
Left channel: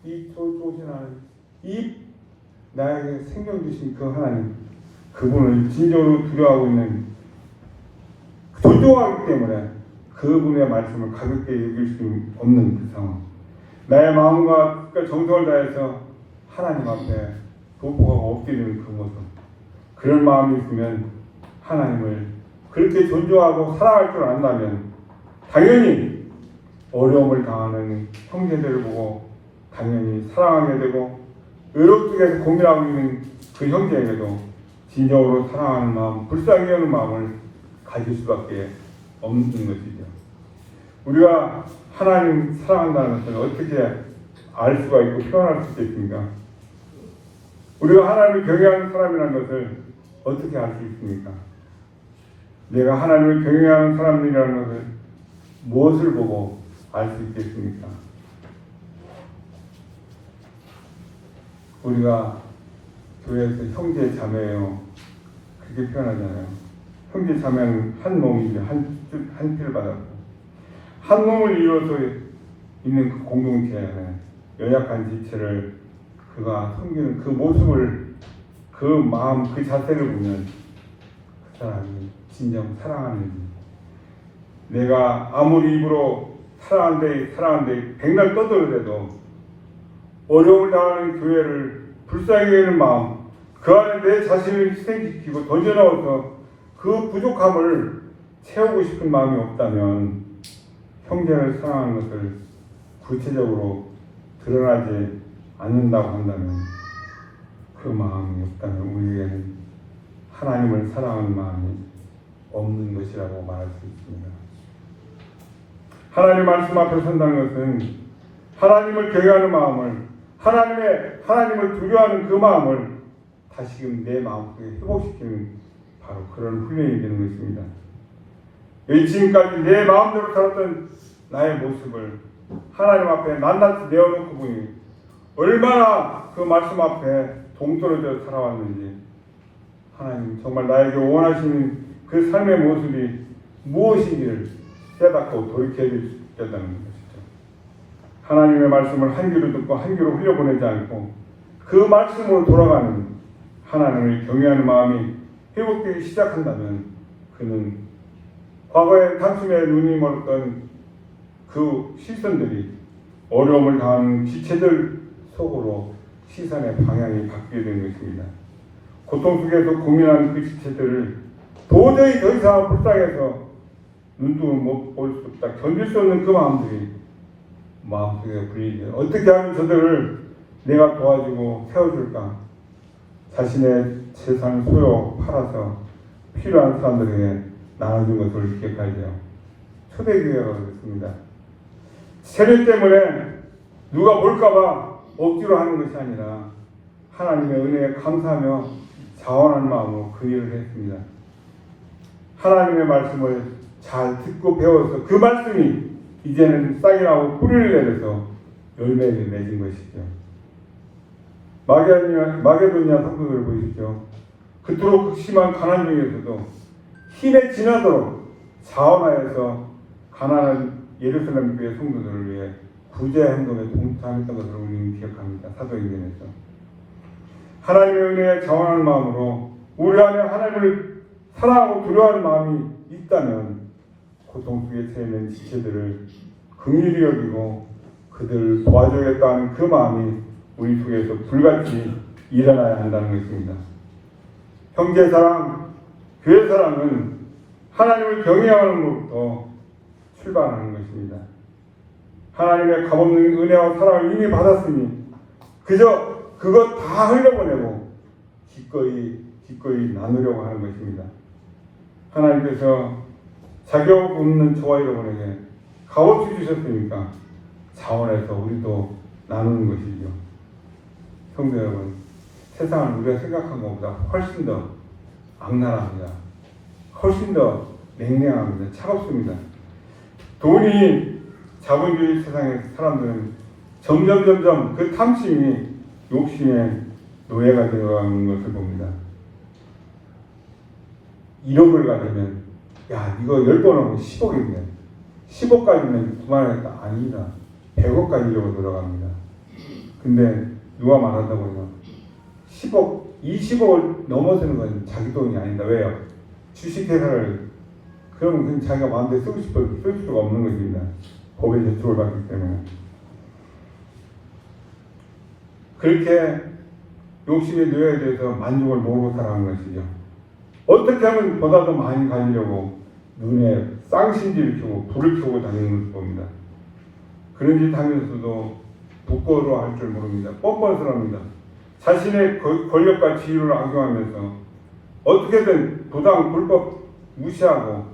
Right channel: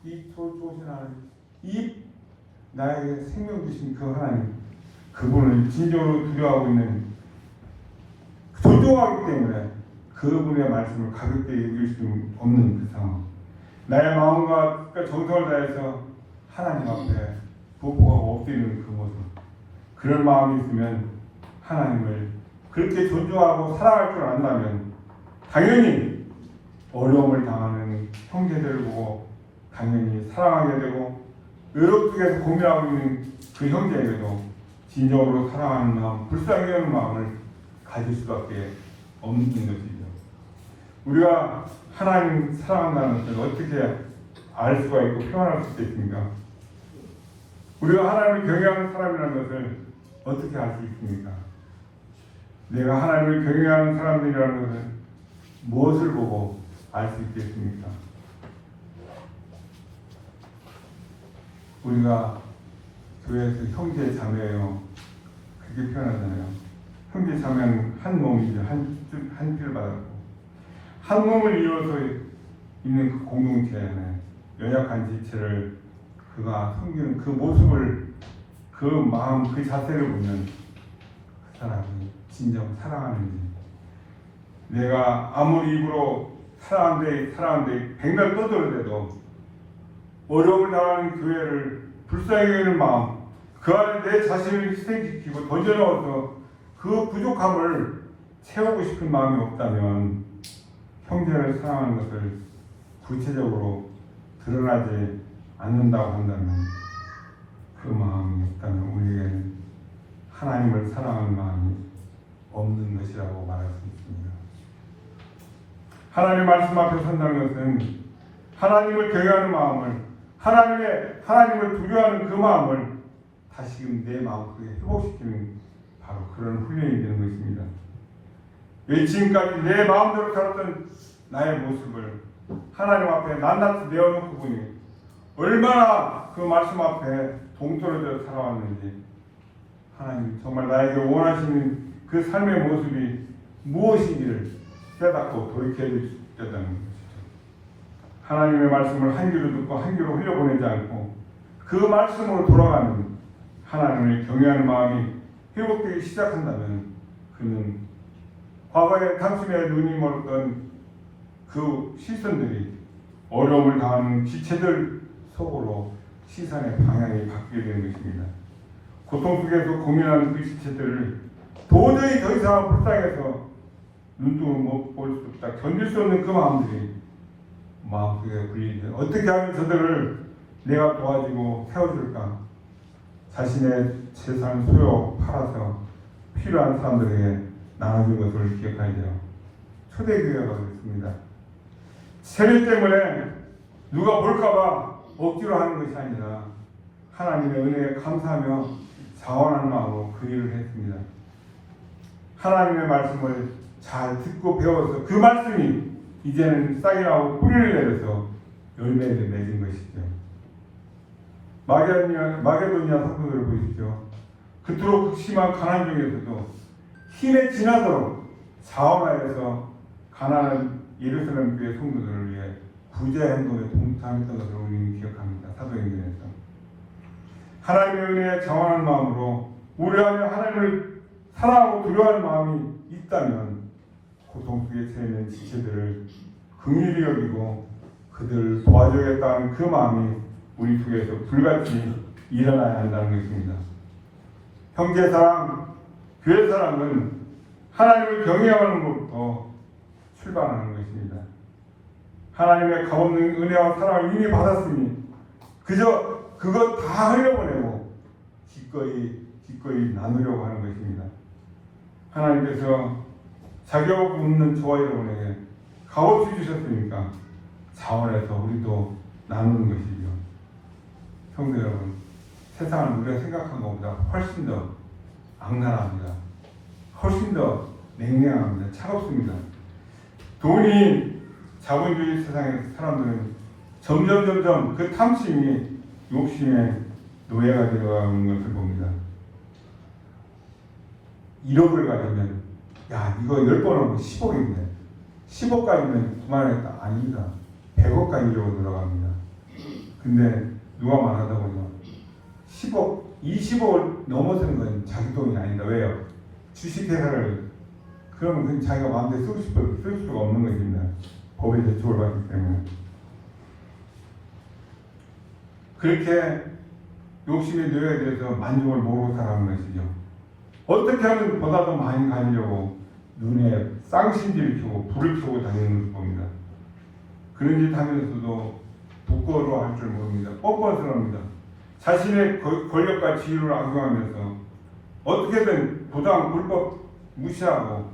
이 조신 하나님, 이 나에게 생명 주신 그 하나님, 그분을 진정으로 두려워하고 있는 존중하기 때문에 그분의 말씀을 가볍게 여길 수 없는 그 상황. 나의 마음과 정성을 다해서 하나님 앞에 부부하고 엎드리는 그 모습. 그런 마음이 있으면 하나님을 그렇게 존중하고 사랑할 줄 안다면 당연히 어려움을 당하는 형제들을 보고 당연히 사랑하게 되고 의롭게 고민하고 있는 그 형제에게도 진정으로 사랑하는 마음, 불쌍히 여는 마음을 가질 수밖에 없는 것이죠. 우리가 하나님 사랑한다는 것은 어떻게 알 수가 있고 표현할 수 있겠습니까? 우리가 하나님을 경외하는 사람이라는 것을 어떻게 알 수 있습니까? 내가 하나님을 경외하는 사람이라는 것을 무엇을 보고 알 수 있겠습니까? 우리가 교회에서 형제 자매예요 그렇게 표현하잖아요. 형제 자매는 한 몸이지 한 피를 받았고 한 몸을 이루어서 있는 그 공동체는 연약한 지체를 그가 섬기는 그 모습을 그 마음 그 자세를 보면 그 사람이 진정 사랑하는지 내가 아무리 입으로 사랑한데 백날 떠들어대도 어려움을 당하는 교회를 불쌍히 여기는 마음 그 안에 내 자신을 희생시키고 던져넣어서 그 부족함을 채우고 싶은 마음이 없다면 형제를 사랑하는 것을 구체적으로 드러나지 않는다고 한다면 그 마음이 없다면 우리에게는 하나님을 사랑하는 마음이 없는 것이라고 말할 수 있습니다. 하나님 말씀 앞에 선다는 것은 하나님을 경외하는 마음을 하나님을 두려워하는 그 마음을 다시금 내 마음속에 회복시키는 바로 그런 훈련이 되는 것입니다. 지금까지 내 마음대로 살았던 나의 모습을 하나님 앞에 낱낱이 내어놓고 보니 얼마나 그 말씀 앞에 동떨어져 살아왔는지 하나님 정말 나에게 원하시는 그 삶의 모습이 무엇인지를 깨닫고 돌이켜야 된다는 것이죠. 하나님의 말씀을 한 귀로 듣고 한 귀로 흘려보내지 않고 그 말씀으로 돌아가는 하나님을 경외하는 마음이 회복되기 시작한다면 그는 과거에 단숨에 눈이 멀었던 그 시선들이 어려움을 당하는 지체들 속으로 시선의 방향이 바뀌게 되는 것입니다. 고통 속에서 고민하는 그 지체들을 도저히 더 이상 불쌍해서 눈도 못 볼 수 없다 견딜 수 없는 그 마음들이 마음속에 불리게 어떻게 하면 저들을 내가 도와주고 세워줄까 자신의 재산을 소유 팔아서 필요한 사람들에게 나눠준 것을 기억하죠. 초대교회가 그렇습니다. 세례 때문에 누가 볼까봐 억지로 하는 것이 아니라 하나님의 은혜에 감사하며 자원하는 마음으로 그 일을 했습니다. 하나님의 말씀을 잘 듣고 배워서 그 말씀이 이제는 싹이 나고 뿌리를 내려서 열매를 맺은 것이죠. 마게도니아 성도들을 보십시오. 그토록 극심한 가난 중에서도 힘에 지나도록 자원하여서 가난한 예루살렘 교회 성도들을 위해 구제 행동에 동참했던 것을 우리는 기억합니다. 사도행전에서 하나님의 은혜에 자원하는 마음으로 우리 안에 하나님을 사랑하고 두려워하는 마음이 있다면 고통 속에 처해 있는 지체들을 긍휼히 여기고 그들을 도와줘야겠다는 그 마음이 우리 속에서 불같이 일어나야 한다는 것입니다. 형제 사랑, 교회 사랑은 하나님을 경외하는 것부터 출발하는 것입니다. 하나님의 값없는 은혜와 사랑을 이미 받았으니 그저 그것 다 흘려보내고 기꺼이 나누려고 하는 것입니다. 하나님께서 자격 없는 저와 여러분에게 값없이 주셨으니까 자원해서 우리도 나누는 것이죠. 성도 여러분, 세상은 우리가 생각한 것보다 훨씬 더 악랄합니다. 훨씬 더 냉랭합니다. 차갑습니다. 돈이 자본주의 세상의 사람들은 점점 그 탐심이 욕심의 노예가 되어가는 것을 봅니다. 1억을 가지면 야 이거 10번 하면 10억이네. 10억까지는 그만하겠다. 아닙니다. 100억까지 이러고 들어갑니다. 근데 누가 말하다보면 10억, 20억을 넘어서는 건 자기 돈이 아니다. 왜요? 주식회사를 그러면 그냥 자기가 마음대로 쓰고 싶어도 쓸 수가 없는 것입니다. 법에 제출을 받기 때문에. 그렇게 욕심의 노예에 대해서 만족을 모르고 살아가는 것이죠. 어떻게 하면 보다 더 많이 가지려고 눈에 쌍심지를 켜고 불을 켜고 다니는 것을 봅니다. 그런 짓 하면서도 부끄러워할 줄 모릅니다. 뻔뻔스럽니다. 자신의 권력과 지위를 악용하면서 어떻게든 부당 불법 무시하고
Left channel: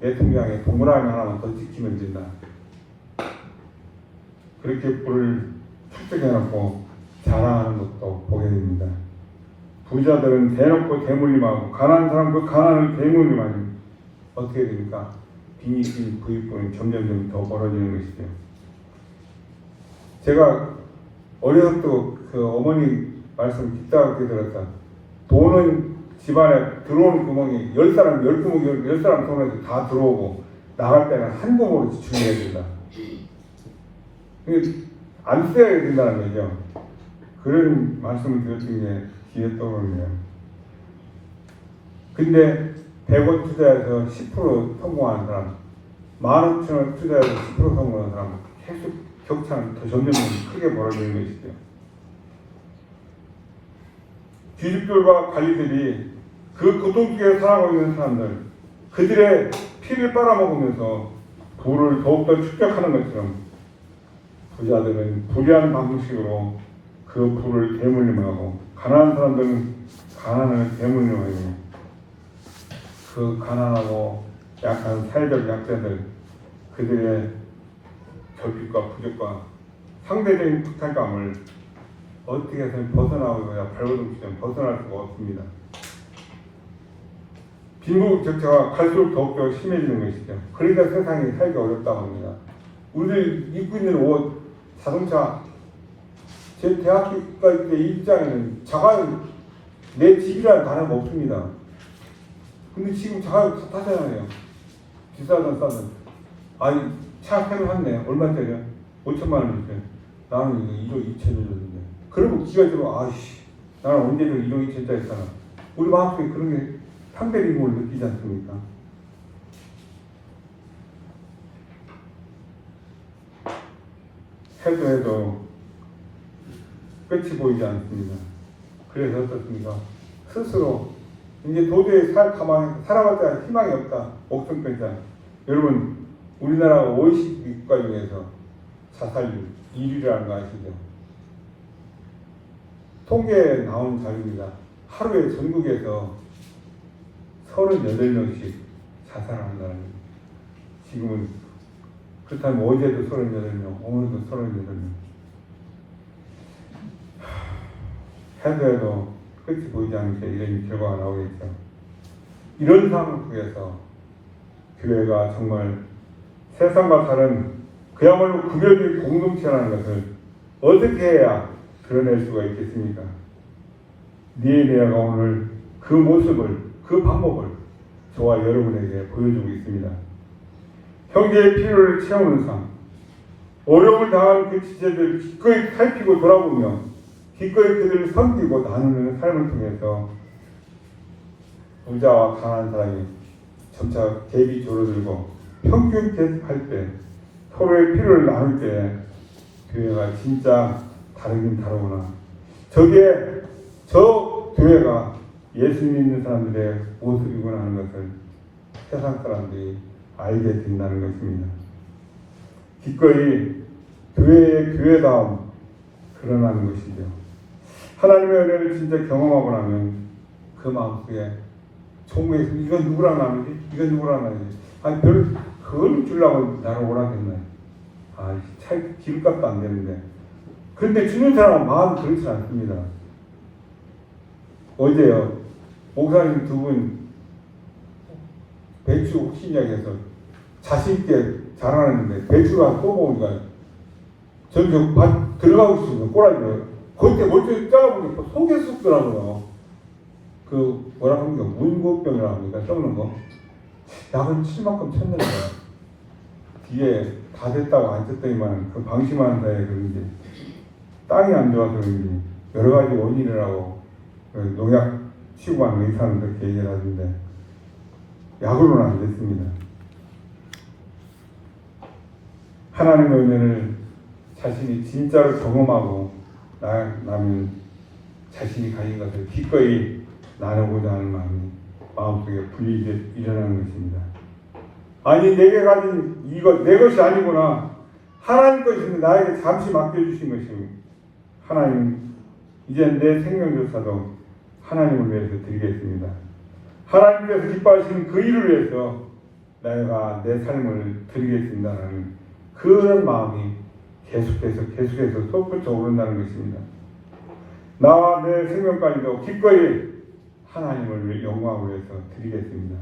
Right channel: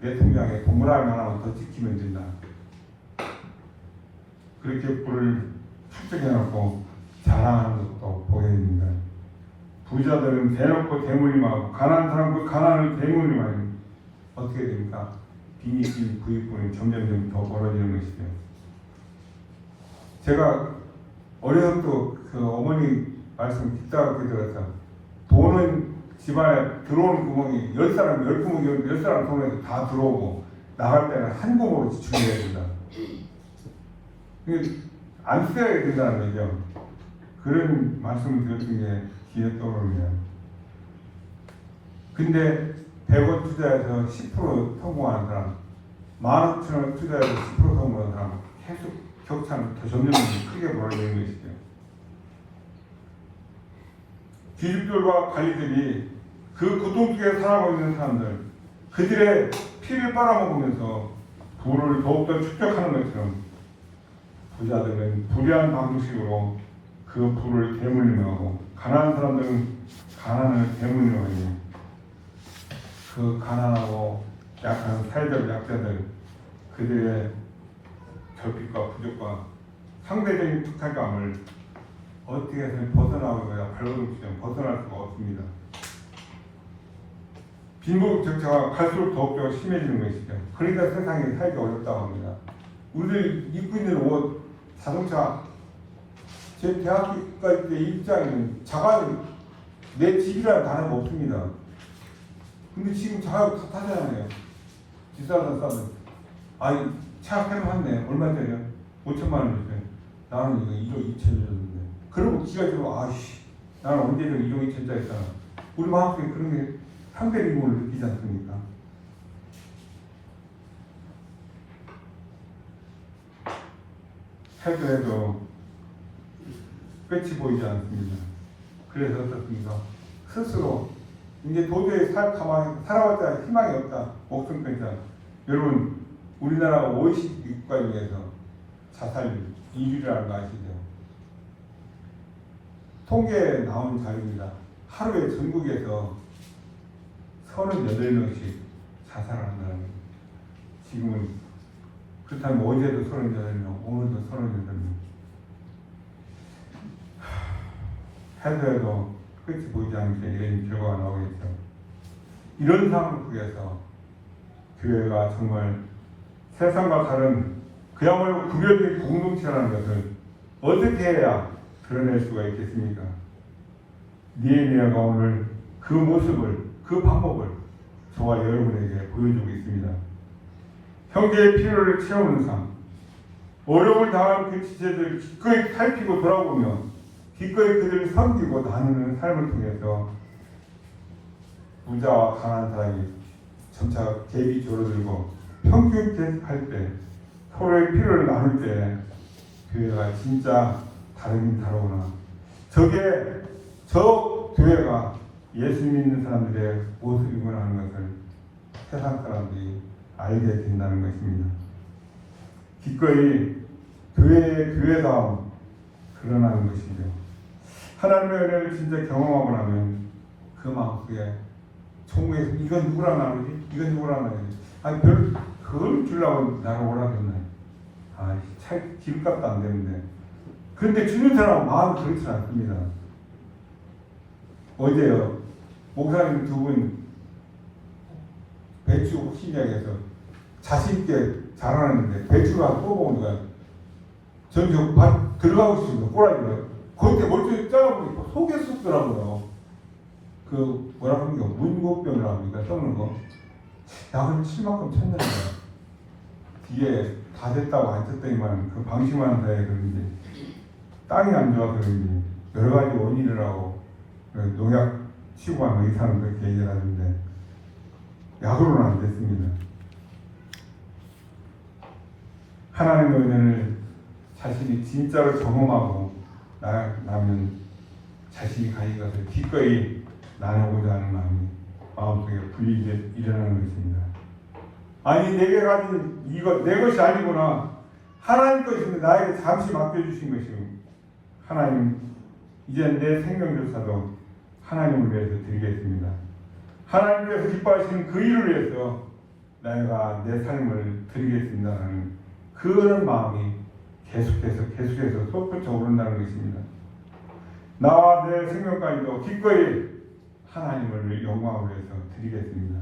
대통령의 동물알 하나만 더 지키면 된다. 그렇게 불을 축적해놓고 자랑하는 것도 보게 됩니다. 부자들은 대놓고 대물림하고 가난한 사람 그 가난을 대물림하니 어떻게 됩니까? 빈익빈 부익부는 점점 더 벌어지는 것이죠. 제가 어려서부터 그 어머니 말씀 듣다가 들었다. 돈은 집안에 들어오는 구멍이 10사람, 10구멍, 10사람 손에서 다 들어오고 나갈 때는 한 구멍으로 지출해야 된다. 안 써야 된다는 얘기죠. 그런 말씀을 드렸던 게 귀에 떠오릅니다. 근데 100원 투자해서 10% 성공하는 사람, 15,000원 투자해서 10% 성공하는 사람 계속 격차는 더 점점 크게 벌어지는 것이죠. 귀족들과 관리들이 그 고통 속에 살아가고 있는 사람들, 그들의 피를 빨아먹으면서 부를 더욱더 축적하는 것처럼 부자들은 불의한 방식으로 그 부를 대물림하고 가난한 사람들은 가난을 대물림하고 그 가난하고 약한 살들 약자들 그들의 결핍과 부족과 상대적인 박탈감을 어떻게 해서는 벗어나고자 발버둥치면 벗어날 수가 없습니다. 빈부격차가 갈수록 더욱더 심해지는 것이죠. 그러니까 세상이 살기 어렵다고 합니다. 우리들 입고 있는 옷, 자동차, 제 대학교까지 때 입장에는 자가 내 집이라는 단어가 없습니다. 근데 지금 자가 다 타잖아요. 비싸다 싸면. 아니 차 새로 샀네. 얼마짜리야? 5천만 원이니까. 나는 이거 1억 2천을 줬는데. 그리고 기가 들어. 아이씨. 나는 언제든 1억 2천짜리 사람. 우리 마음속에 그런 게 상대적인 걸 느끼지 않습니까? 해도 끝이 보이지 않습니다. 그래서 어떻습니까? 스스로 이제 도저히 가만히 살아봤자 희망이 없다. 목숨 끊자. 여러분 우리나라 OECD 국가 중에서 자살률 1위라는 거 아시죠? 통계에 나온 자료입니다. 하루에 전국에서 38명씩 자살을 한다는. 지금은 그렇다면 어제도 38명, 오늘도 38명. 해도 끝이 보이지 않게 이런 결과가 나오겠죠. 이런 상황 속에서 교회가 정말 세상과 다른 그야말로 구별된 공동체라는 것을 어떻게 해야 드러낼 수가 있겠습니까? 니에미아가 오늘 그 모습을, 그 방법을 저와 여러분에게 보여주고 있습니다. 형제의 필요를 채우는 삶, 어려움을 당한 그 지체들을 기꺼이 살피고 돌아보며 기꺼이 그들을 섬기고 나누는 삶을 통해서 부자와 가난한 사람이 점차 갭이 줄어들고 평균 할 때 서로의 필요를 나눌 때 교회가 진짜 다르긴 다르구나. 저 교회가 예수 믿는 사람들의 모습이구나 하는 것을 세상 사람들이 알게 된다는 것입니다. 기꺼이 교회의 교회다움 드러나는 것이죠. 하나님의 은혜를 진짜 경험하고 나면 그 마음속에 천국에서 이건 누구랑 나누지? 이건 누구랑 나누지? 아니 그걸 주려고 나를 오라고 했네. 아, 기름값도 안 되는데. 그런데 주는 사람은 마음이 그렇지 않습니다. 어제요, 목사님 두 분 배추 혹시냐해서 자신있게 자라났는데 배추가 또 보니까 전 밭 들어가고 싶은 꼬라지가 그때 멀쩡히 잘라보니까 속에 쑥더라고요. 그 뭐라고 하는 게 문고병이라고 하니까 썩는 거. 약을 칠 만큼 쳤는데 뒤에 다 됐다고 안 쳤더니만 그 방심하는 사이에 그런지 땅이 안 좋아서 그런지 여러 가지 원인이라고 농약 치고 하는 의사는 그렇게 얘기를 하는데 약으로는 안 됐습니다. 하나님의 은혜를 자신이 진짜로 경험하고 나면 자신이 가진 것을 기꺼이 나누고자 하는 마음이 마음속에 불이익이 일어나는 것입니다. 아니 내게 가진 이것 내 것이 아니구나. 하나님 것인데 나에게 잠시 맡겨주신 것이고 하나님 이제 내 생명조차도 하나님을 위해서 드리겠습니다. 하나님께서 기뻐하시는 그 일을 위해서 내가 내 삶을 드리겠습니다라는 그런 마음이 계속해서 솟구쳐 오른다는 것입니다. 나와 내 생명까지도 기꺼이 하나님을 영광을 위해서 드리겠습니다.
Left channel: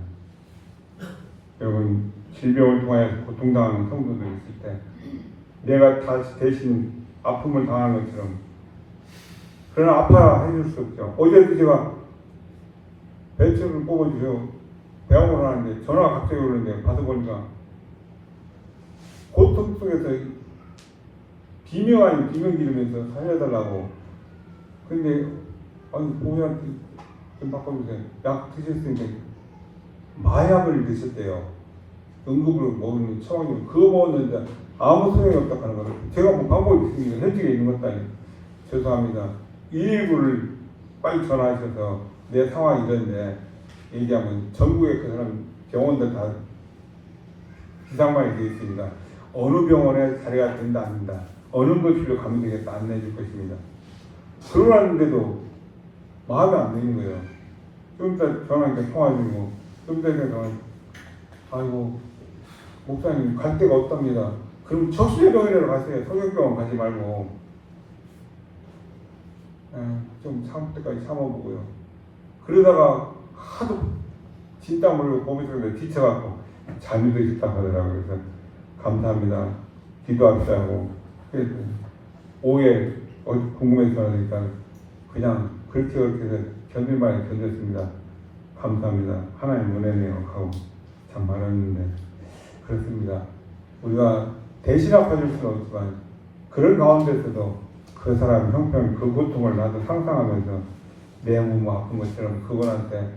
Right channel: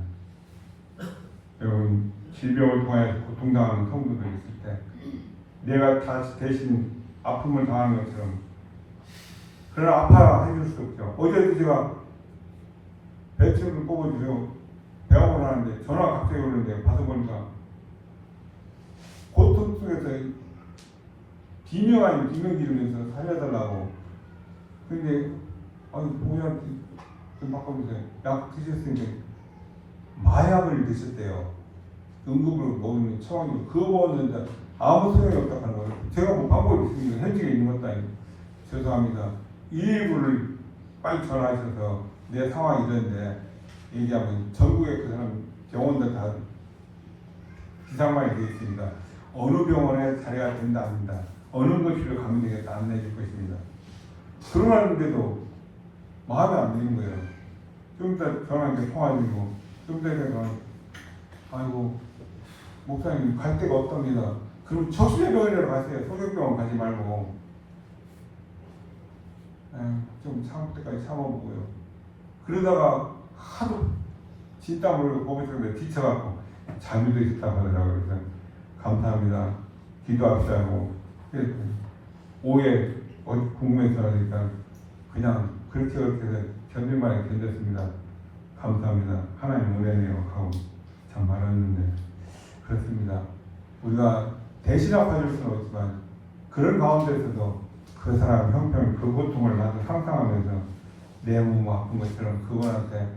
여러분 질병을 통해 고통당하는 성도들 있을 때 내가 다시 대신 아픔을 당하는 것처럼 그러나 아파해 줄 수 없죠. 어제도 제가 배추를 뽑아주세요. 배움을 하는데 전화가 갑자기 오는데 받아보니까 고통 속에서 비명 아닌 비명 기르면서 살려달라고. 근데 아니 보호자한테 좀 바꿔주세요. 약 드셨으니까 마약을 드셨대요. 응급으로 먹는 처방이 그거 먹었는데 아무 소용이 없다 하는 거예요. 제가 뭐 방법이 있으니까 현직에 있는 것도 아니고 죄송합니다. 119를 빨리 전화하셔서 내 상황이 이런데 얘기하면 전국에 그 사람 병원들 다 비상만이 되어 있습니다. 어느 병원에 자리가 된다 안 된다. 어느 곳으로 가면 되겠다 안내해 줄 것입니다. 그러는데도 마음에 안 드는 거예요. 좀 이따 전화 통화 중이고 좀 이따 전화 아이고 목사님 갈 데가 없답니다. 그럼 적시병원이라도 가세요. 성형병원 가지 말고 좀 참을 때까지 참아보고요. 그러다가 하도 진땀 흘리고 거기서 지쳐갖고 잠이 드셨다고 하더라고요. 그래서 감사합니다. 기도합시다 하고 오해 궁금해서 하니까 그냥 그렇게 해서 견딜만 견뎠습니다. 감사합니다. 하나님 은혜네요 하고 참 말했는데 그렇습니다. 우리가 대신 아파줄 수는 없지만 그런 가운데서도 그 사람의 형편, 그 고통을 나도 상상하면서 내 몸 아픈 것처럼 그분한테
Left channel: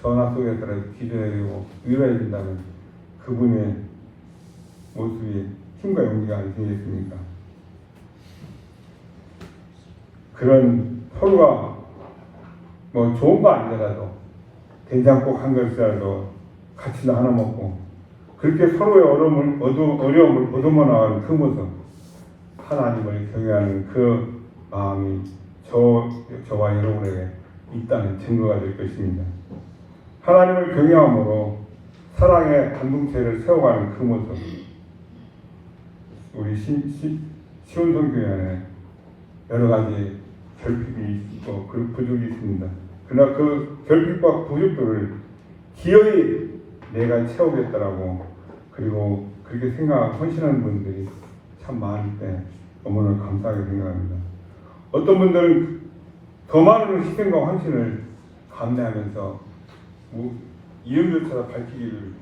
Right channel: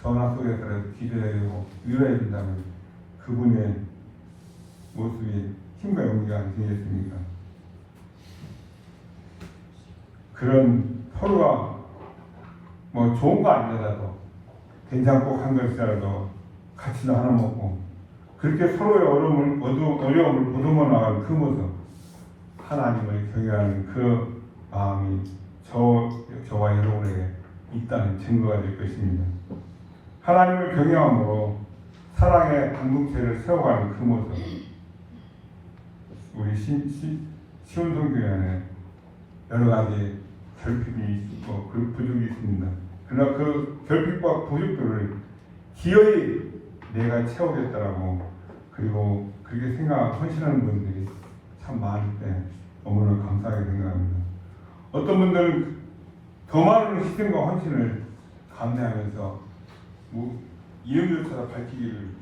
전화 속에서라도 기도해주고 위로해준다면 그분의 모습이 힘과 용기가 아니겠습니까? 그런 서로가 뭐 좋은 거 아니더라도 된장국 한 그릇이라도 같이 하나 먹고 그렇게 서로의 어려움을 보듬어 나가는 그 모습 하나님을 경외하는 그 마음이 저와 여러분에게 있다는 증거가 될 것입니다. 하나님을 경외함으로 사랑의 공동체를 세워가는 그 모습 우리 시온성교회 안에 여러 가지 결핍이 있고 그 부족이 있습니다. 그러나 그 결핍과 부족들을 기어이 내가 채우겠다라고 그리고 그렇게 헌신하는 분들이 참 많을 때 너무나 감사하게 생각합니다. 어떤 분들은 더 많은 희생과 헌신을 감내하면서 이름조차 밝히기를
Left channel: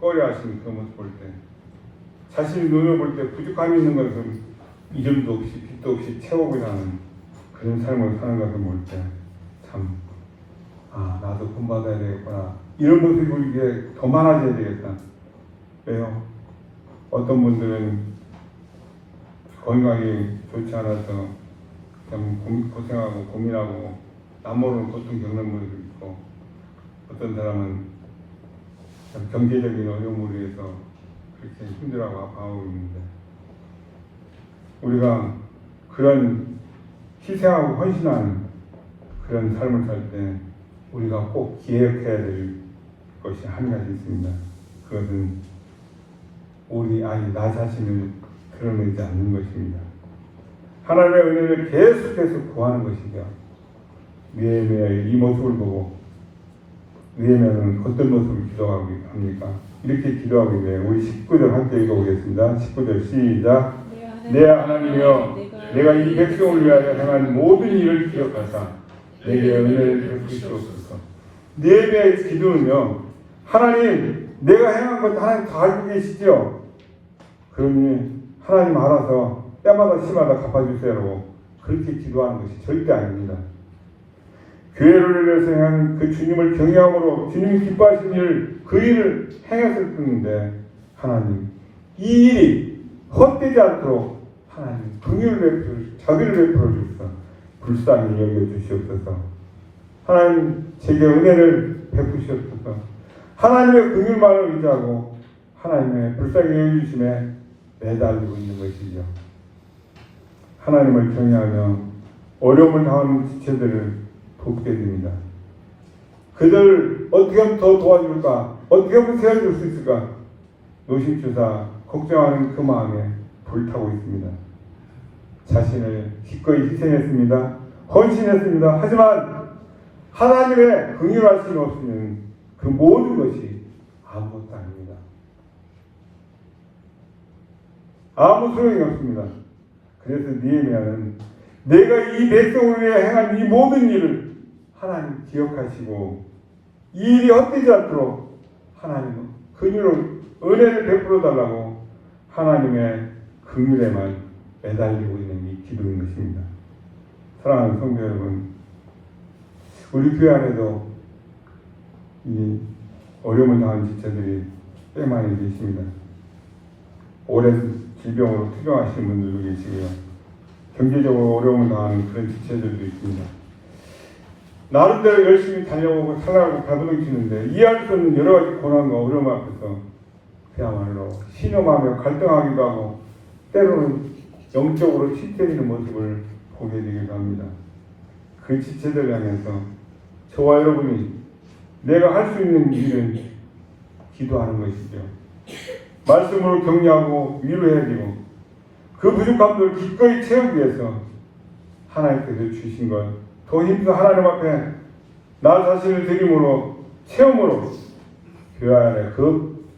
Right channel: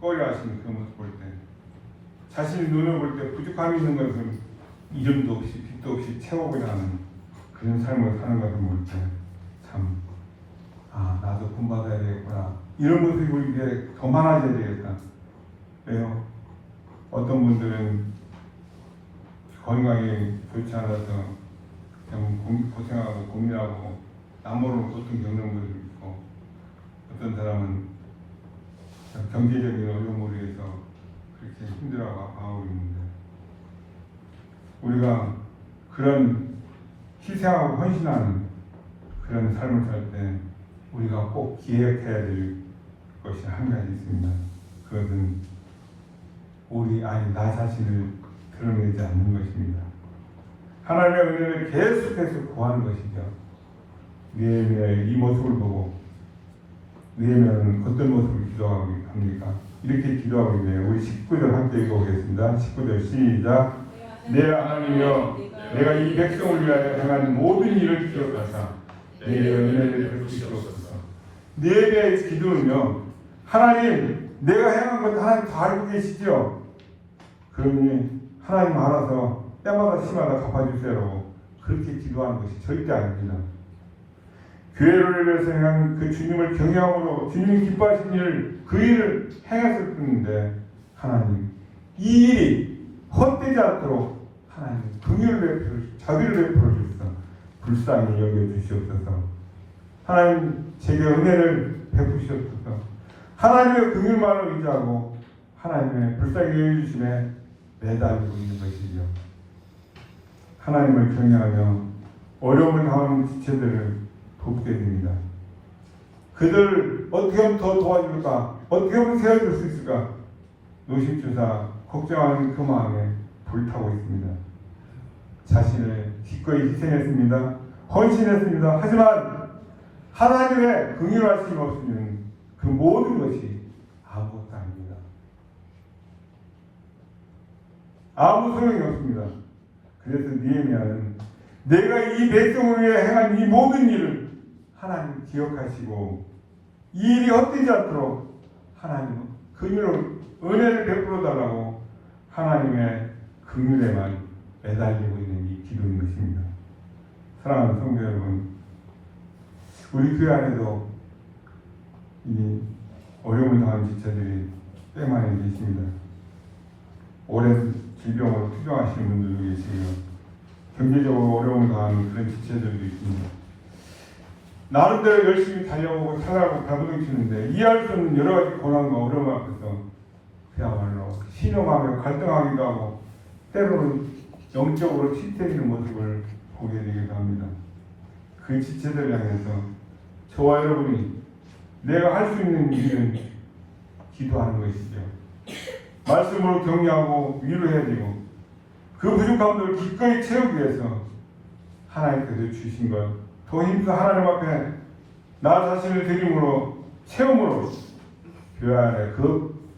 꺼려하시는 그런 모습 볼 때 자신이 눈을 볼 때 부족함이 있는 것을 이름도 없이 빛도 없이 채워보려 하는 그런 삶을 사는 것을 볼 때 참 나도 본받아야 되겠구나 이런 모습이 우리에게 더 많아져야 되겠다. 그래서 어떤 분들은 건강이 좋지 않아서 참 고생하고 고민하고 남모르는 고통 겪는 분들도 있고 어떤 사람은 경제적인 어려움으로 해서 그렇게 힘들어하고 아파하고 있는데 우리가 그런 희생하고 헌신하는 그런 삶을 살 때 우리가 꼭 기억해야 될 것이 한 가지 있습니다. 그것은 나 자신을 드러내지 않는 것입니다. 하나님의 은혜를 계속해서 구하는 것이죠. 느헤미야의 이 모습을 보고 느헤미야는 어떤 모습을 기도하고 합니까? 이렇게 기도하고 있네요. 우리 19절 함께 읽어보겠습니다. 19절 시작. 내 하나님이여 내가 이 백성을 위하여 행한 모든 일을 기억하사 내게 은혜를 베푸시옵소서. 느헤미야의 기도는요. 하나님 내가 행한 것 하나님 다 알고 계시죠? 그러니 하나님 알아서 때마다 시마다 갚아주세요. 그렇게 기도하는 것이 절대 아닙니다. 교회를 위해서 행한 그 주님을 경외함으로 주님이 기뻐하신 그 일을 행했을 뿐인데 하나님 이 일이 헛되지 않도록 하나님 긍휼을 자비를 베풀어 주셔서 불쌍히 여겨 주시옵소서. 하나님 제게 은혜를 베푸시옵소서. 하나님의 긍휼만을 의지하고 하나님의 불쌍히 여겨주심에 매달리고 있는 것이죠. 하나님을 경외하며 어려움을 당하는 지체들을 돕게 됩니다. 그들 어떻게 하면 더 도와줄까? 어떻게 하면 세워줄 수 있을까? 노심초사 걱정하는 그 마음에 불타고 있습니다. 자신을 기꺼이 희생했습니다. 헌신했습니다. 하지만 하나님의 긍휼하심 없이는 그 모든 것이 아무것도 아닙니다. 아무 소용이 없습니다. 그래서 느헤미야는 내가 이 백성을 위해 행한 이 모든 일을 하나님 기억하시고 이 일이 헛되지 않도록 하나님 긍휼을 은혜를 베풀어 달라고 하나님의 긍휼에만 매달리고 있는 이 기도인 것입니다. 사랑하는 성도 여러분, 우리 교회 안에도 이 어려움을 당한 지체들이 꽤 많이 계십니다. 오랜 질병으로 투병하시는 분들도 계시고요. 경제적으로 어려움을 당하는 그런 지체들도 있습니다. 나름대로 열심히 달려오고 살아가고 배부르치는데 이해할 수 없는 여러 가지 고난과 어려움 앞에서 그야말로 신음하며 갈등하기도 하고 때로는 영적으로 치태리는 모습을 보게 되기도 합니다. 그 지체들 향해서 저와 여러분이 내가 할 수 있는 일은 기도하는 것이죠. 말씀으로 격려하고 위로해드리고 그 부족함들을 기꺼이 채우기 위해서 하나님께서 주신 것 더 힘써 하나님 앞에 나 자신을 드림으로 채움으로 교회 안에 그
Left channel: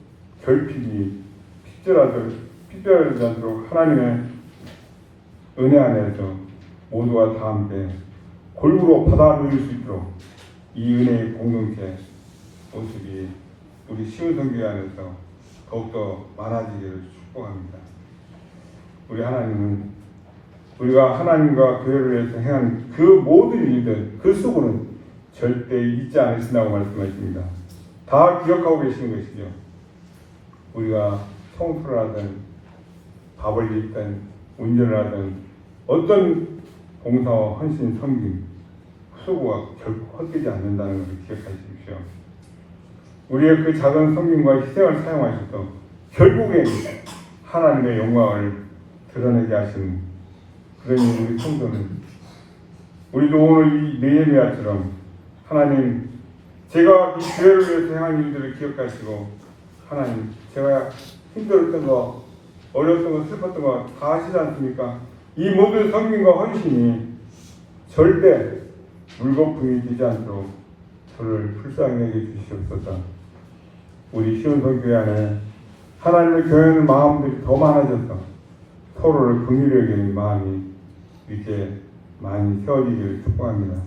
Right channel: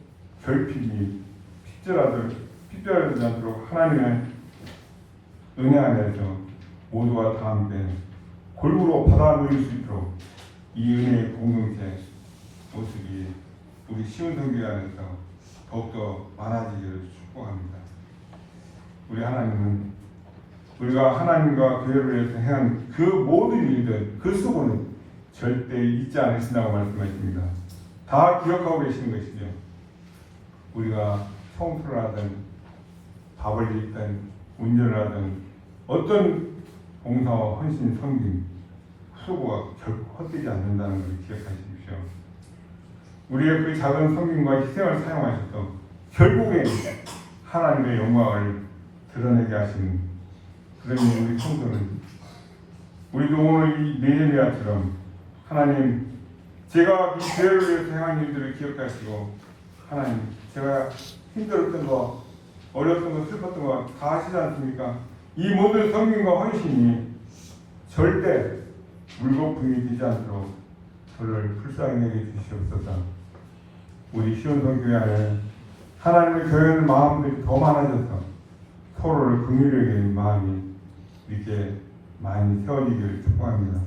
결핍이 핏절하지 않도록 하나님의 은혜 안에서 모두가 다 함께 골고루 받아 누릴 수 있도록 이 은혜의 공동체 모습이 우리 시온성교회 안에서 더욱더 많아지기를 축복합니다. 우리 하나님은 우리가 하나님과 교회를 위해서 행한 그 모든 일들 그 속으로는 절대 잊지 않으신다고 말씀하십니다. 다 기억하고 계시는 것이죠. 우리가 청소를 하든 밥을 잇든 운전을 하든 어떤 봉사와 헌신 섬김 수고가 결코 헛되지 않는다는 것을 기억하십시오. 우리의 그 작은 섬김과 희생을 사용하셔서 결국엔 하나님의 영광을 드러내게 하시는 그런 우리 성도는 우리도 오늘 이 느헤미야처럼 하나님 제가 이 교회를 위해서 행한 일들을 기억하시고 하나님 제가 힘들었던 거 어려웠던 거 슬펐던 거 다 하시지 않습니까? 이 모든 섬김과 헌신이 절대 물거품이 되지 않도록 저를 불쌍히 여겨 주시옵소서. 우리 시온성교회 안에 하나님의 교회는 마음들이 더 많아져서 서로를 긍휼히 여기는 마음이 이렇게 많이 세워지기를 축복합니다.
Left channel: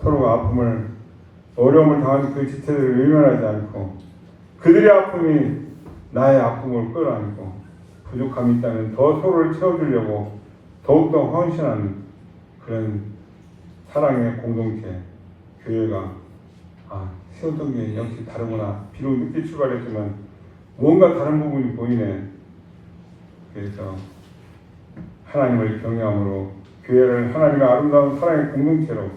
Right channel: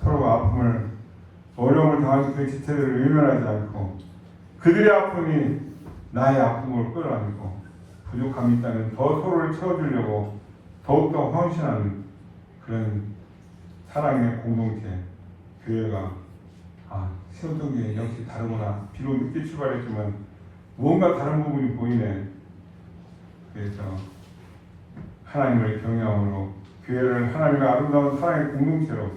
서로가 아픔을 어려움을 당하는 그 지체들을 외면하지 않고 그들의 아픔이 나의 아픔을 끌어안고 부족함이 있다면 더 서로를 채워주려고 더욱더 헌신하는 그런 사랑의 공동체 교회가 시온성교회 역시 다르구나. 비록 늦게 출발했지만 뭔가 다른 부분이 보이네. 그래서 하나님을 경외함으로 교회를 하나님의 아름다운 사랑의 공동체로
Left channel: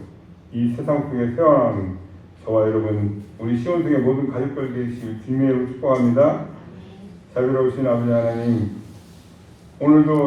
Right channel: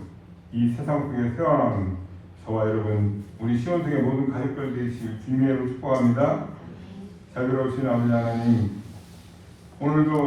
이 세상 속에 세워나가는 저와 여러분 우리 시온성의 모든 가족들 되시길 주님의 이름으로 축복합니다. 자비로우신 아버지 하나님 오늘도